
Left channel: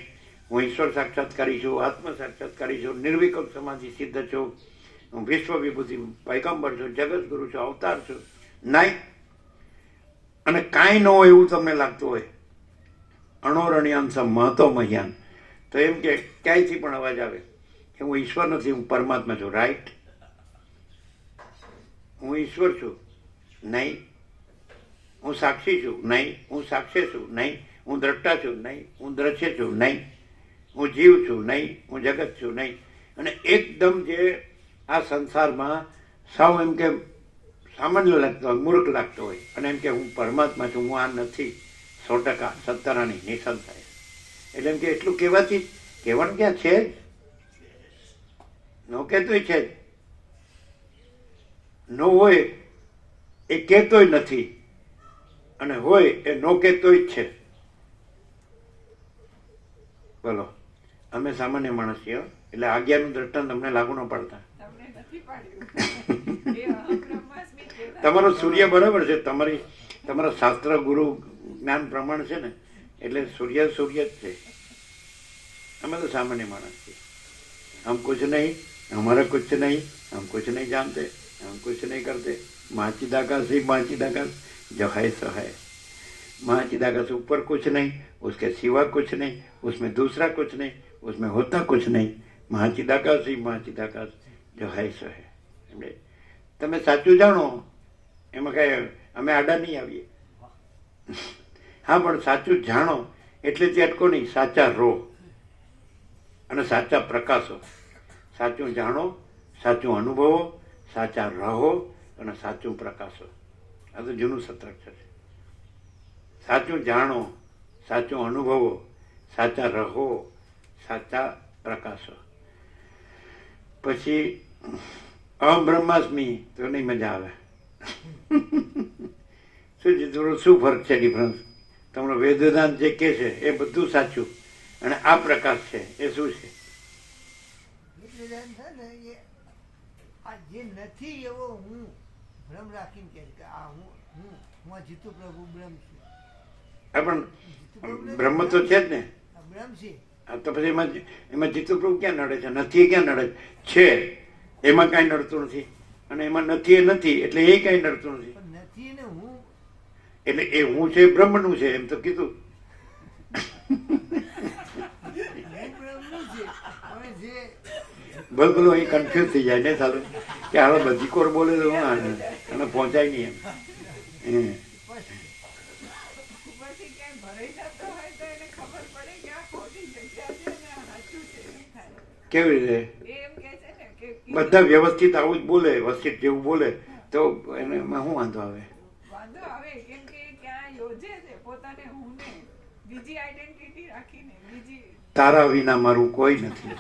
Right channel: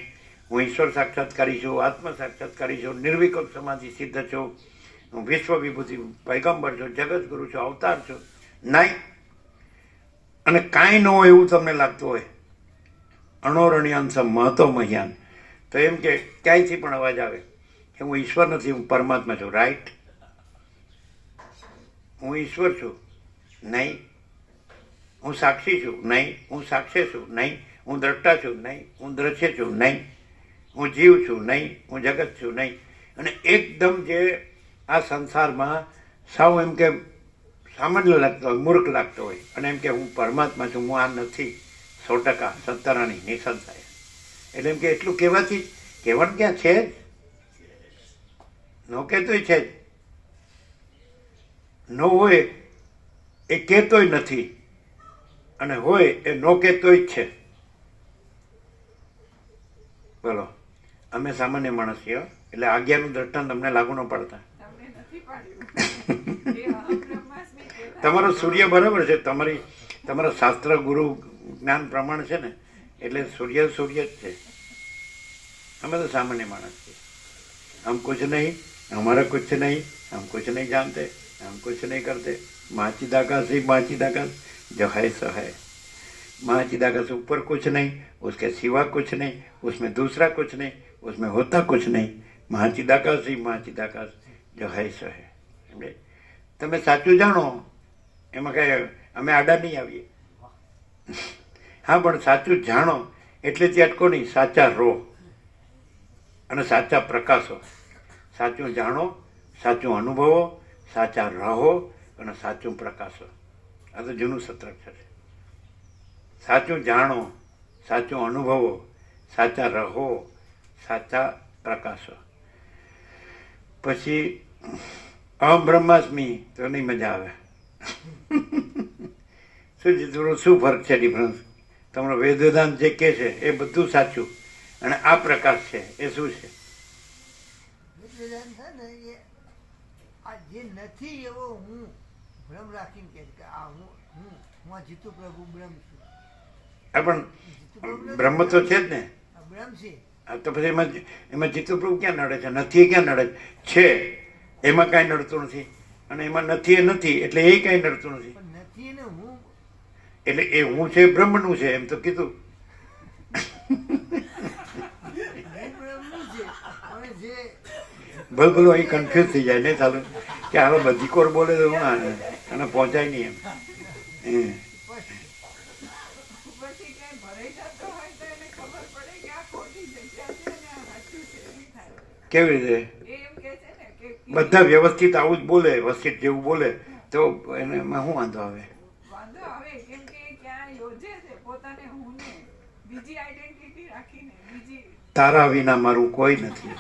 હું ઈશ્વર સાક્ષાત્કારી છું, આત્મ સાક્ષાત્કારી છું, નિર્વિકલ્પ સમાધિ સિદ્ધ છું, હું વિશ્વ વિભૂતિ પૈગંબર છું, જગત ગુરુ છું, અવતાર છું નહીં. અને કાંઈ ન હોય એવું તમને લાગતું હોય, અણોરણ્યાંશ મહતો મહ્યાન, તો એમ કે ક્યાંયથી પણ અવાજ આવે કે હું ઈશ્વર નથી, હું પરમાત્મા છું. રાઈટ? હું ઈશ્વર છું નહીં, હું સાક્ષી છું નહીં, હું સાક્ષ્ય છું નહીં, હું દ્રષ્ટા છું નહીં, હું દ્રશ્ય છું નહીં, હું જીવ છું નહીં, હું જગત છું નહીં. અને એકદમ જે આ સંસારમાં સાવ એમ કે સામાન્ય લાગતો હોય, મૂર્ખ લાગતો હોય, અને એમ કે હું પરમાત્મા છું, હું આ નથી, 100% સત્તારાની નિસંશય. એટલે એમ કે એટલું કહેવાથી કહેવાનું ક્યાં છે જ, નો કહેતોય છે જ, નો હોય એ કહેતોય નથી, અને હોય એ નો કહેતોય જ છે. બોલો, અમે સામાન્ય માણસ છીએ, એટલે આજ્ઞાનું દ્રષ્ટાંત અમને લાગુ ન પડતા. તમારો સૂર્ય બરાબર છે, તમારા શાસ્ત્ર ગુરુ જ્ઞાન પ્રમાણ છે ને, એટલે સૂર્ય જ છે. અમે તો સામાન્ય માણસ છીએ. હમ કુછ નહીં, हमारा कुछ नहीं, हम कुछ नहीं जानते, हम कुछ नहीं करते. महाचिदाकाश ही महाचिदाकाश जो है सो है. महाचिदाकाश ऊपर कुछ नहीं, उसके सिवा कुछ नहीं, उसमें दूसरा कुछ नहीं, उसमें होता कुछ नहीं. महाचिदाकाश ही महाचिदाकाश जो है સો હે. એટલે તમે સાચું જાણો એમાં કાંઈ અમે આડા નહીં આવીએ. હા, પણ સાચું જાણો એટલે તે અટકો નહીં, સાચા રહો અને સાચા પ્રકાશો. સાચું જાણો, સાચું અનુભવો, સાચા રહો અને સાચું પ્રકાશો. આ તો જૂનું સત્રાક્ષર છે. સાચું જાણો, સાચું અનુભવો, સાચા રહો, સાચા પ્રકાશો. પછી અહમ બ્રહ્માસ્મિ તો નહીં મજા આવે. શું ફરક છે, ડિફરન્સ? તમારો વેદાંત જે કહે છે એ બધું સાચું, અને આ પ્રકાશ છે એ શું છે? વેદાંત છે ને એ આ જે નથી એવો હું ભ્રમ રાખીને કહે કે આ હું આ જીતુ પ્રભુ બ્રહ્મ છું. પણ બ્રહ્મ તો છે જ ને, બ્રહ્મ છે. તો પછી એમાં જીતુ પ્રભુ ક્યાં નડે છે? નથી ક્યાં નડે છે? એમાં કાંઈ નડતું નથી, અને એમાં નથી એ નથી એટલે એ કાંઈ નડતું નથી. પણ નથી ને હું એટલે એ હું છે બ્રહ્મનું છે એમ તો કીધું. ભલો અહીં કન્ફ્યુઝ થઈ જાય ને, ચાલો કે હવે બધી કોર બોલે તો હું અને પહોંચાય નહીં એમ. કેવી રીતે? બધા વ્યવસ્થિત આવું જ બોલે, વ્યવસ્થિત જેવું બોલે તો એને એમાં શું વાંધો આવે? બીજી આઈડેન્ટિટી રાખીને બીજી તારા વિના મારું કોઈ નથી.